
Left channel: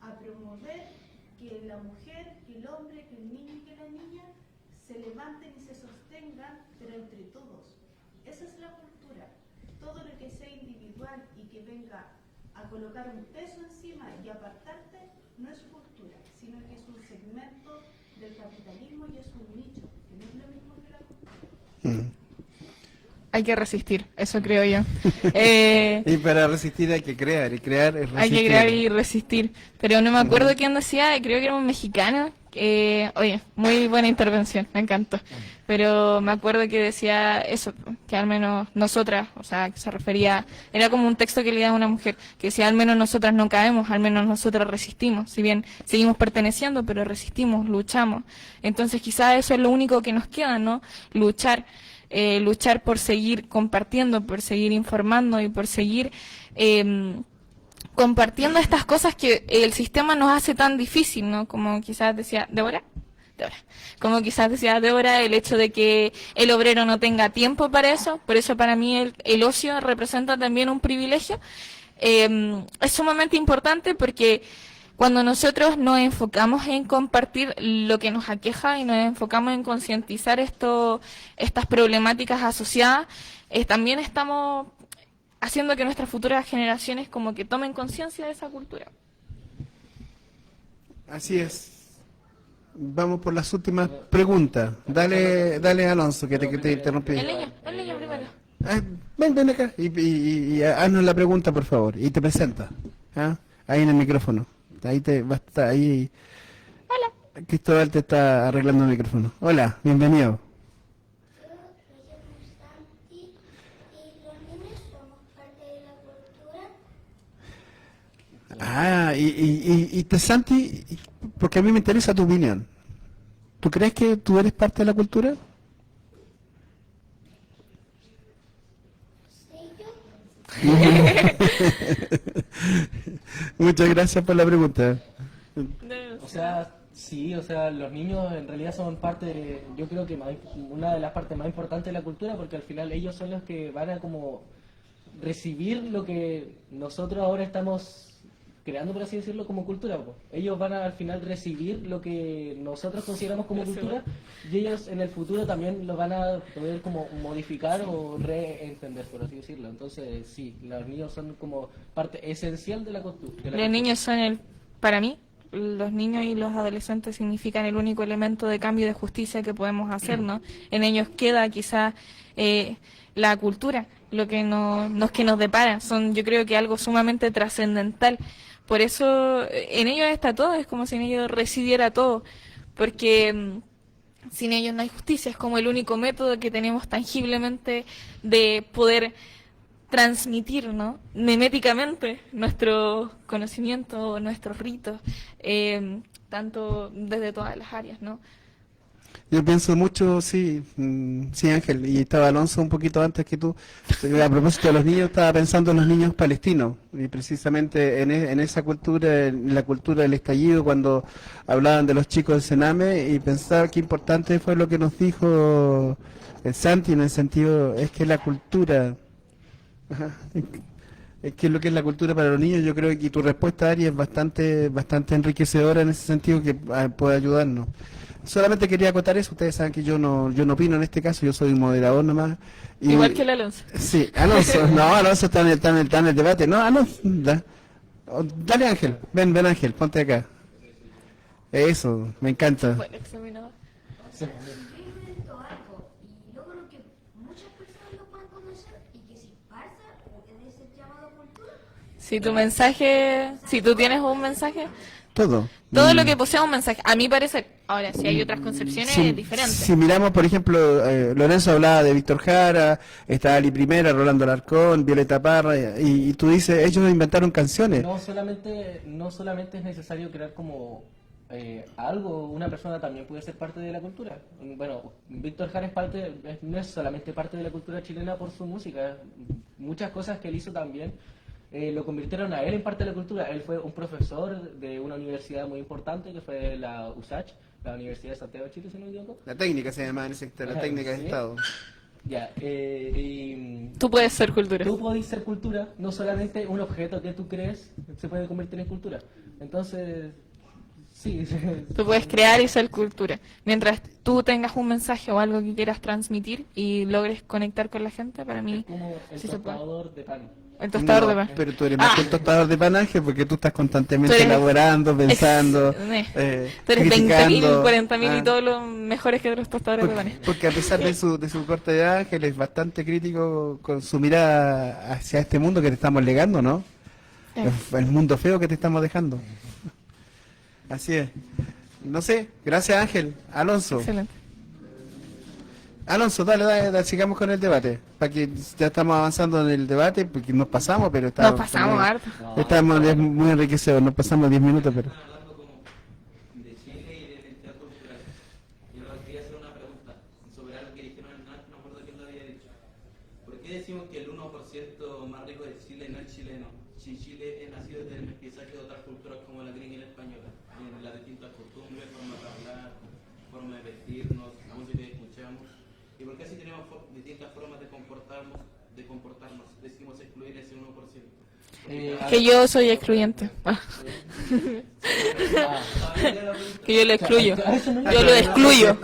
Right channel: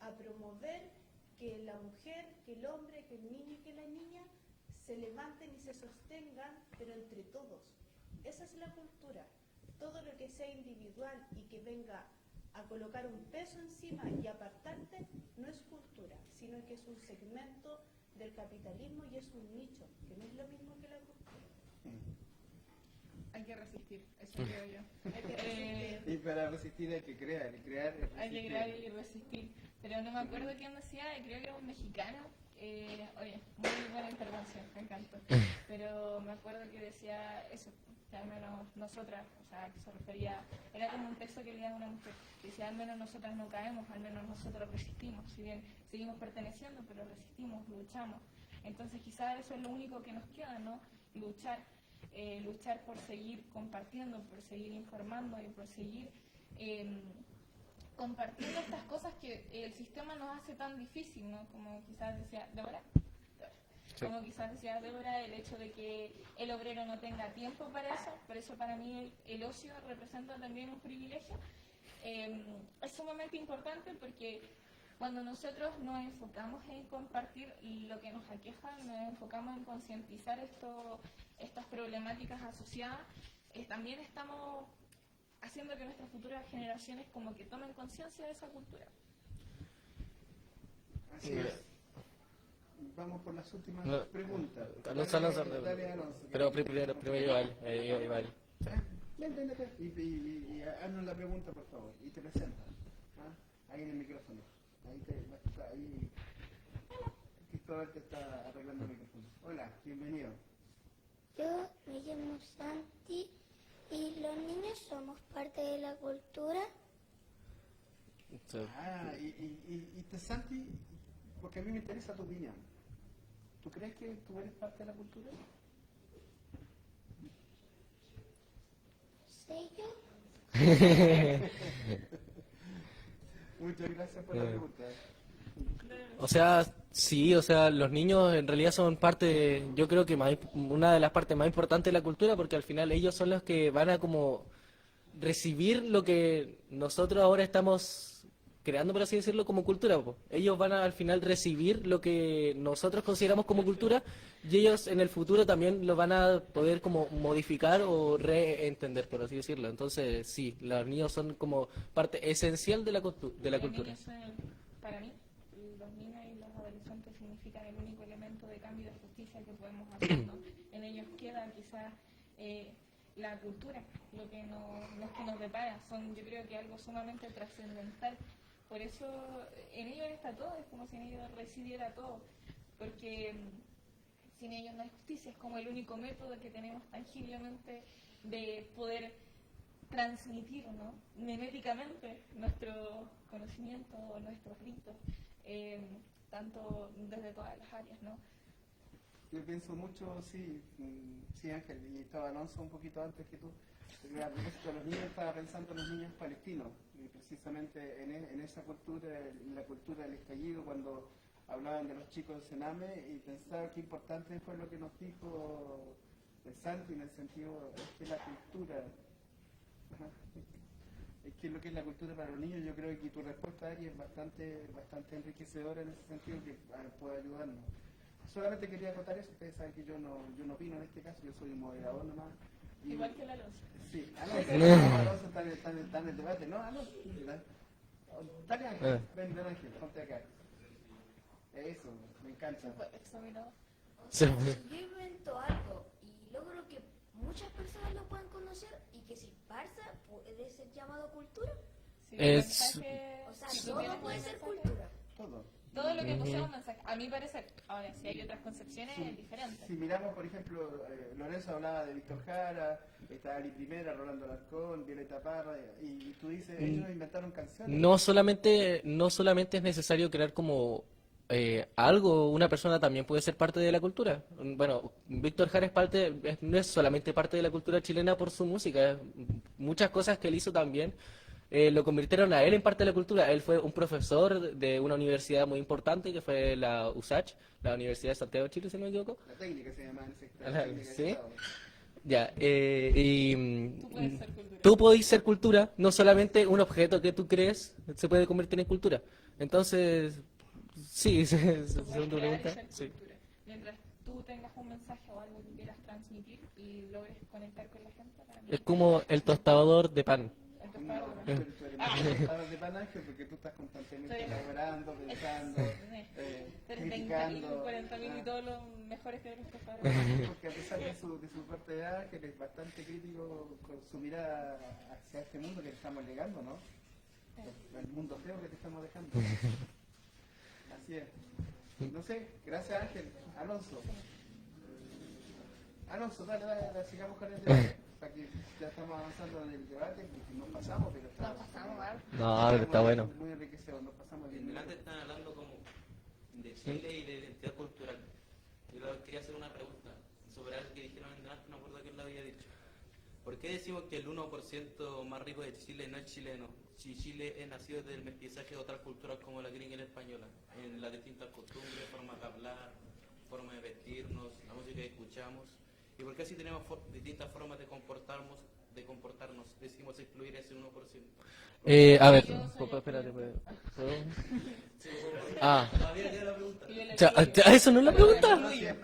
a promover que la mujer, que el hombre, que el niño y que la niña se levanten y se sostengan, pero entre todos. Esa es la cultura. Todo lo que sea individual y que venga a colocar un peso encima y apartarte, no es cultura, sino que es un segmento del capitalismo y es un nicho, que no es lo mismo que la cultura. Hay que resistir, eso creo yo. Y para resistir hay que crear, y crear es resistir. Hay que crear y resistir. Pero no me acuerdo quién decía, creo que era un mexicano. Oye, muy buena intervención, me encantó. Pero me acuerdo que decía eso, que al menos nosotras, o sea, que se refería, era como un texto que leía a una mujer, que decía, al menos nosotras no caemos, al menos nosotras resistimos. Si bien seguimos perteneciendo, pero resistimos, luchamos. Entonces quizás eso es lo único que nos queda, ¿no? Luchar. Luchar por seguir compartiendo, por seguir informando y por seguir compartiendo estas cosas que el sistema nos hace tan difícil, ¿no? Como quizás decía Débora, como quizás decía Débora, el hecho de que el obrero no tenga tiempo para eso, por eso para mí el ocio representa también un privilegio. Es sumamente importante porque cuando nosotros nos enfocamos en compartir lo que nos aqueja y nos enfocamos en concientizar estas problemáticas asociadas, también estamos haciendo que nuestras futuras generaciones como que tomen conciencia de esa cultura. Así es. Vamos por las últimas preguntas. Dale Alonso, que te interrumpí. El niño primero. Ven acá y haznos la pregunta, por favor. Y te presenta. ¿Ah? Ahí en el micrófono. Ahí va a estar ahí. Hola. Cristóbal te está arreglando el micrófono. Hola, bienvenido. Yo me llamo Santi y los niños somos parte de la cultura. Y te Santi, porque a mí me interesa tu opinión. ¿Tú crees que tú eres parte de la cultura? Muchas gracias por la pregunta. O sea, sí, o sea, los niños en realidad son yo creo que una de las partes más importantes de la cultura, porque al final ellos son los que van a como recibir lo que nosotros ahora estamos creando, por así decirlo, como cultura. Ellos van a al final recibir lo que nosotros consideramos como cultura y ellos en el futuro también lo van a poder como modificar o reentender, por así decirlo. Entonces, sí, los niños son como parte esencial de la cultura. Los niños son para mí, los niños y los adolescentes significan el único elemento de cambio y de justicia que podemos hacer, ¿no? En ellos queda quizás la cultura, lo que nos depara. Yo creo que algo sumamente trascendental. Por eso en ellos está todo, es como si en ellos residiera todo, porque sin ellos no hay justicia, es como el único método que tenemos tangiblemente de poder transmitir, ¿no? Meméticamente nuestro conocimiento, nuestros ritos, tanto desde todas las áreas, ¿no? Yo pienso mucho, sí, Ángel, y estaba Alonso un poquito antes que tú. A propósito de los niños, estaba pensando en los niños palestinos, y precisamente en esa cultura, en la cultura del estallido, cuando hablaban de los chicos del Sename, y pensaba qué importante fue lo que nos dijo el Santi, en el sentido, es que la cultura, es que lo que es la cultura para los niños, yo creo que tu respuesta, Ari, es bastante enriquecedora en ese sentido, que puede ayudarnos. Solamente quería acotar eso. Ustedes saben que yo no opino en este caso, yo soy un moderador nomás. Igual que el Alonso. Sí, Alonso. No, Alonso está en el debate. No, Alonso. Dale, Ángel. Ven, Ángel, ponte acá. Eso, me encanta. Bueno, examinador. Sí. Yo invento algo y logro que muchas personas lo puedan conocer y que se esparza, puede ser llamado cultura. Si tu mensaje, si tú tienes un mensaje, Todo lo que posea un mensaje, a mi parecer. Ahora, si hay otras concepciones, es diferente. Si miramos, por ejemplo, Lorenzo hablaba de Víctor Jara, está Ali Primera, Rolando Alarcón, Violeta Parra, y tú dices, ellos inventaron canciones. No solamente es necesario crear como algo, una persona también puede ser parte de la cultura. Bueno, Víctor Jara no es solamente parte de la cultura chilena por su música, muchas cosas que él hizo también lo convirtieron a él en parte de la cultura. Él fue un profesor de una universidad muy importante que fue la USACH, la Universidad de Santiago de Chile, si no me equivoco. La técnica se llama en ese sector, la técnica de ¿Sí? Estado. Ya, y Tú puedes ser cultura. tú podés ser cultura, no solamente un objeto que tú crees se puede convertir en cultura. Entonces, sí. Tú puedes crear y ser cultura. Mientras tú tengas un mensaje o algo que quieras transmitir y logres conectar con la gente, para mí... Es como el sí se tostador de pan. El tostador No, de pan. pero tú eres más que un tostador de pan, Ángel, porque tú estás constantemente Tú eres- elaborando, pensando, Tú eres 20.000, criticando. 40.000 y todos los mejores que otros tostadores de panes. Porque a pesar de su corta edad, Ángel es bastante crítico con su mirada hacia este mundo que te estamos legando, ¿no? El mundo feo que te estamos dejando. Así es. No sé, gracias Ángel. Alonso. Excelente. Alonso, dale, sigamos con el debate. Para que ya estamos avanzando en el debate, porque nos pasamos, pero Nos pasamos harto. estamos es muy enriquecidos, nos pasamos 10 minutos, pero... Están hablando como de Chile y de identidad cultural. Yo quería hacer una pregunta sobre algo que dijeron antes, no me acuerdo quién lo había dicho. ¿Por qué decimos que el 1% más rico de Chile no es chileno? Si Chile es nacido del mestizaje de otras culturas como la gringa y la española, en las distintas costumbres, forma de hablar, forma de vestirnos, música que escuchamos. ¿Y por qué si tenemos distintas formas de comportarnos, decimos excluir ese 1%? A Que ver. yo soy excluyente. Ah. Que yo lo excluyo. Eso no Yo lo excluyo.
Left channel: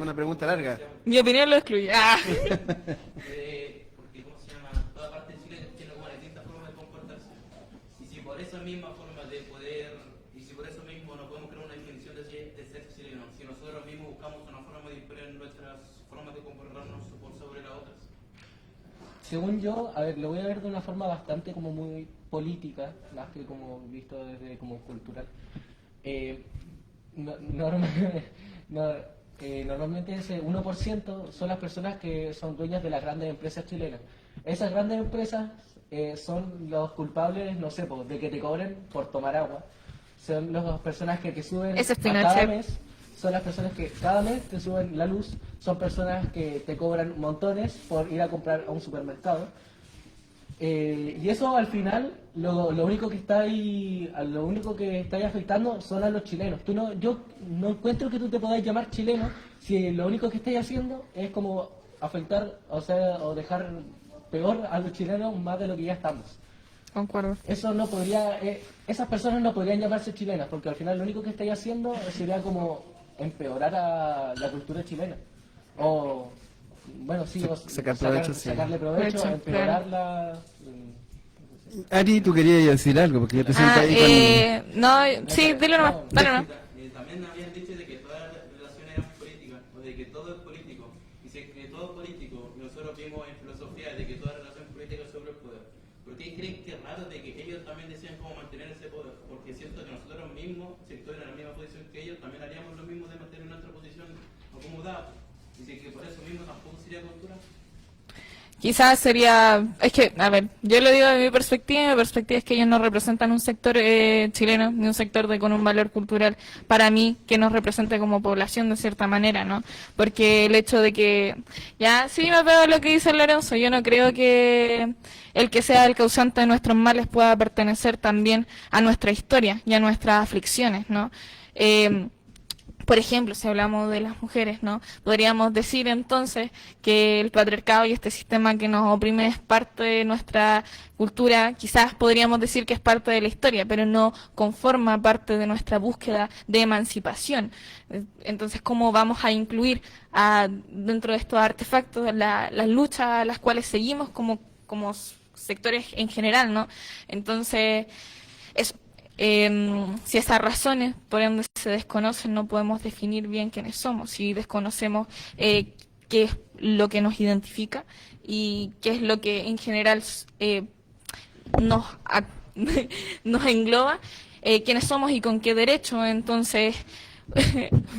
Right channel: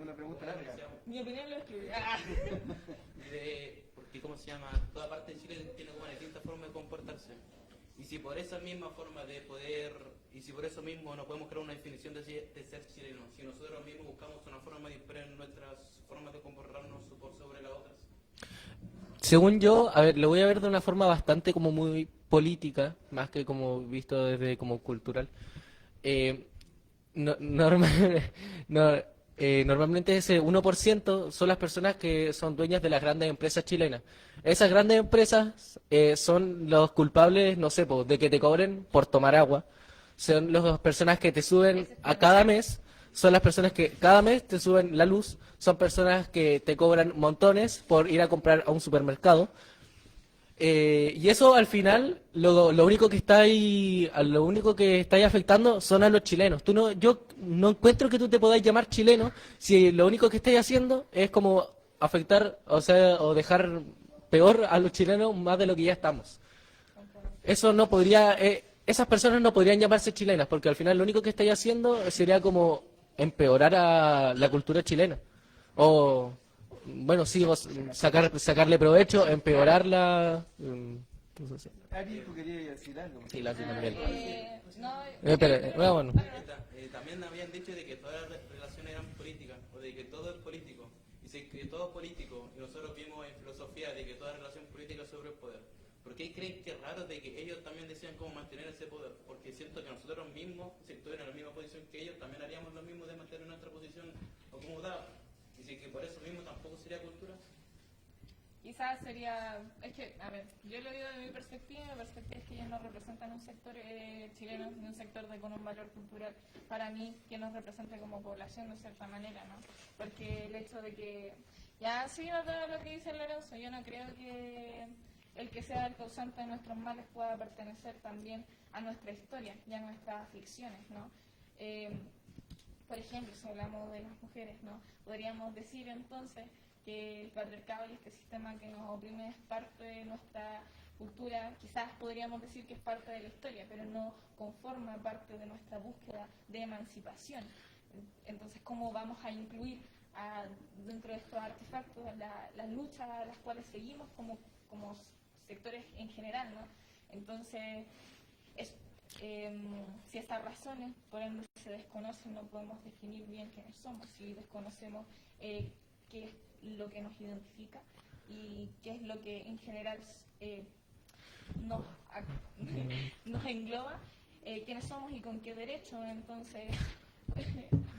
Una pregunta larga. Mi opinión lo excluye. Ah. Porque, ¿cómo se llama? Toda parte de Chile tiene una distinta forma de comportarse. Y si por esa misma forma de poder, y si por eso mismo no podemos crear una definición de ser chileno, si nosotros mismos buscamos una forma de imponer nuestras formas de comportarnos sobre las otras. Según yo, a ver, lo voy a ver de una forma bastante como muy política, más que como visto desde como cultural. Normalmente ese 1% son las personas que son dueñas de las grandes empresas chilenas. Esas grandes empresas son los culpables, no sé, de que te cobren por tomar agua. Son las personas que te suben Ese es a Pinochet. cada mes. Son las personas que cada mes te suben la luz. Son personas que te cobran montones por ir a comprar a un supermercado. Y eso al final lo único que está ahí, afectando son a los chilenos. Yo no encuentro que tú te podáis llamar chileno si lo único que estáis haciendo es como afectar, o dejar peor a los chilenos más de lo que ya estamos. Concuerdo. Eso no podría, esas personas no podrían llamarse chilenas, porque al final lo único que estáis haciendo sería como empeorar a la cultura chilena. O, bueno, sí, sacarle provecho, Provecho, empeorarla. Ari, tú querías decir algo, porque yo te siento ahí no, sí, Espera, dilo nomás. bueno. Dale nomás. También habían dicho de que todas las relaciones eran políticas, de que todo es político. Y si es que todo es político, nosotros vimos en filosofía de que toda relación política es sobre el poder. ¿Por qué creen que es raro de que ellos también decían cómo mantener ese poder? Porque siento que nosotros mismos, si estuvieran en la misma posición que ellos, también haríamos lo mismo de mantener nuestra posición acomodada. Y de que por eso mismo tampoco sería cultura. Quizás sería, es que, a ver, yo lo digo de mi perspectiva, y mi perspectiva es que ellos no representan un sector chileno, ni un sector con un valor cultural para mí que nos represente como población de cierta manera, ¿no? Porque el hecho de que, ya, sí me pego lo que dice Lorenzo, yo no creo que el que sea el causante de nuestros males pueda pertenecer también a nuestra historia y a nuestras aflicciones, ¿no? Por ejemplo, si hablamos de las mujeres, ¿no? Podríamos decir entonces que el patriarcado y este sistema que nos oprime es parte de nuestra cultura, quizás podríamos decir que es parte de la historia, pero no conforma parte de nuestra búsqueda de emancipación. Entonces, ¿cómo vamos a incluir dentro de estos artefactos las luchas a las cuales seguimos como sectores en general, ¿no? Entonces, si esas razones por donde se desconocen no podemos definir bien quiénes somos, si desconocemos qué es lo que nos identifica y qué es lo que en general nos engloba, quiénes somos y con qué derecho, entonces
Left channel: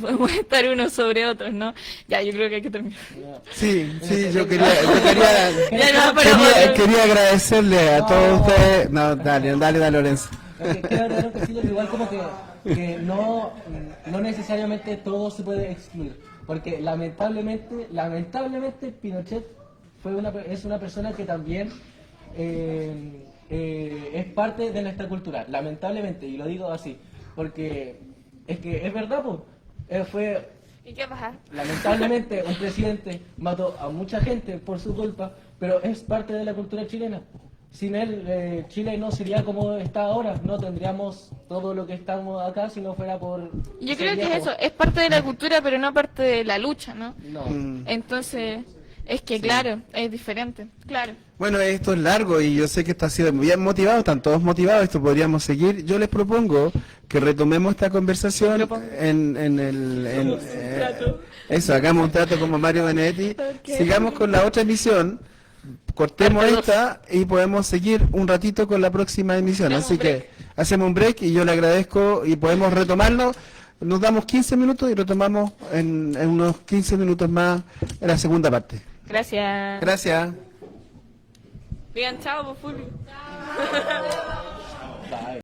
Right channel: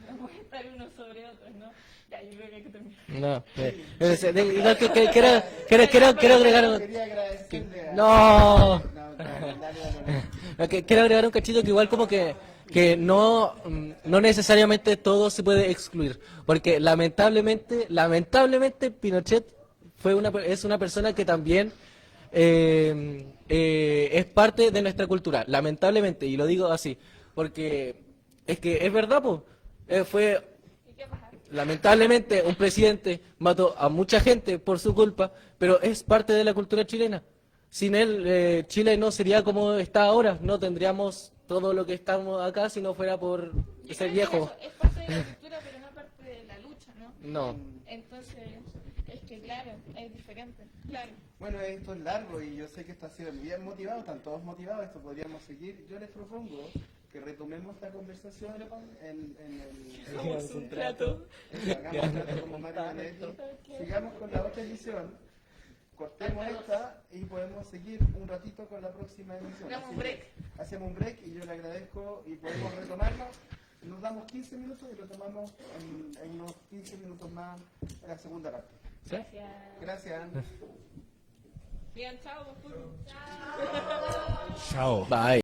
podemos estar unos sobre otros, ¿no? Ya, yo creo que hay que terminar. No. Sí, yo Pero- quería agradecerle a todos ustedes. No, dale, Lorenzo. Quiero agregar un cachito que igual como que no necesariamente todo se puede excluir, porque lamentablemente Pinochet es una persona que también es parte de nuestra cultura, lamentablemente, y lo digo así, porque es que es verdad, pues, fue ¿Y qué pasa? lamentablemente un presidente mató a mucha gente por su culpa, pero es parte de la cultura chilena. Sin él, Chile no sería como está ahora, no tendríamos todo lo que estamos acá si no fuera por... Yo ese creo que es viejo. eso, es parte de la cultura, pero no parte de la lucha, ¿no? No. Entonces, Es que claro, es diferente, claro. Bueno, esto es largo y yo sé que esto ha sido bien motivado, están todos motivados, esto podríamos seguir. Yo les propongo que retomemos esta conversación eso, hagamos un trato como Mario Benedetti, sigamos con la otra emisión, cortemos esta y podemos seguir un ratito con la próxima emisión. Así que hacemos un break y yo le agradezco y podemos retomarlo. Nos damos 15 minutos y retomamos en unos 15 minutos más en la segunda parte. Gracias. Gracias. Digan chao, por Fulvio. Bye.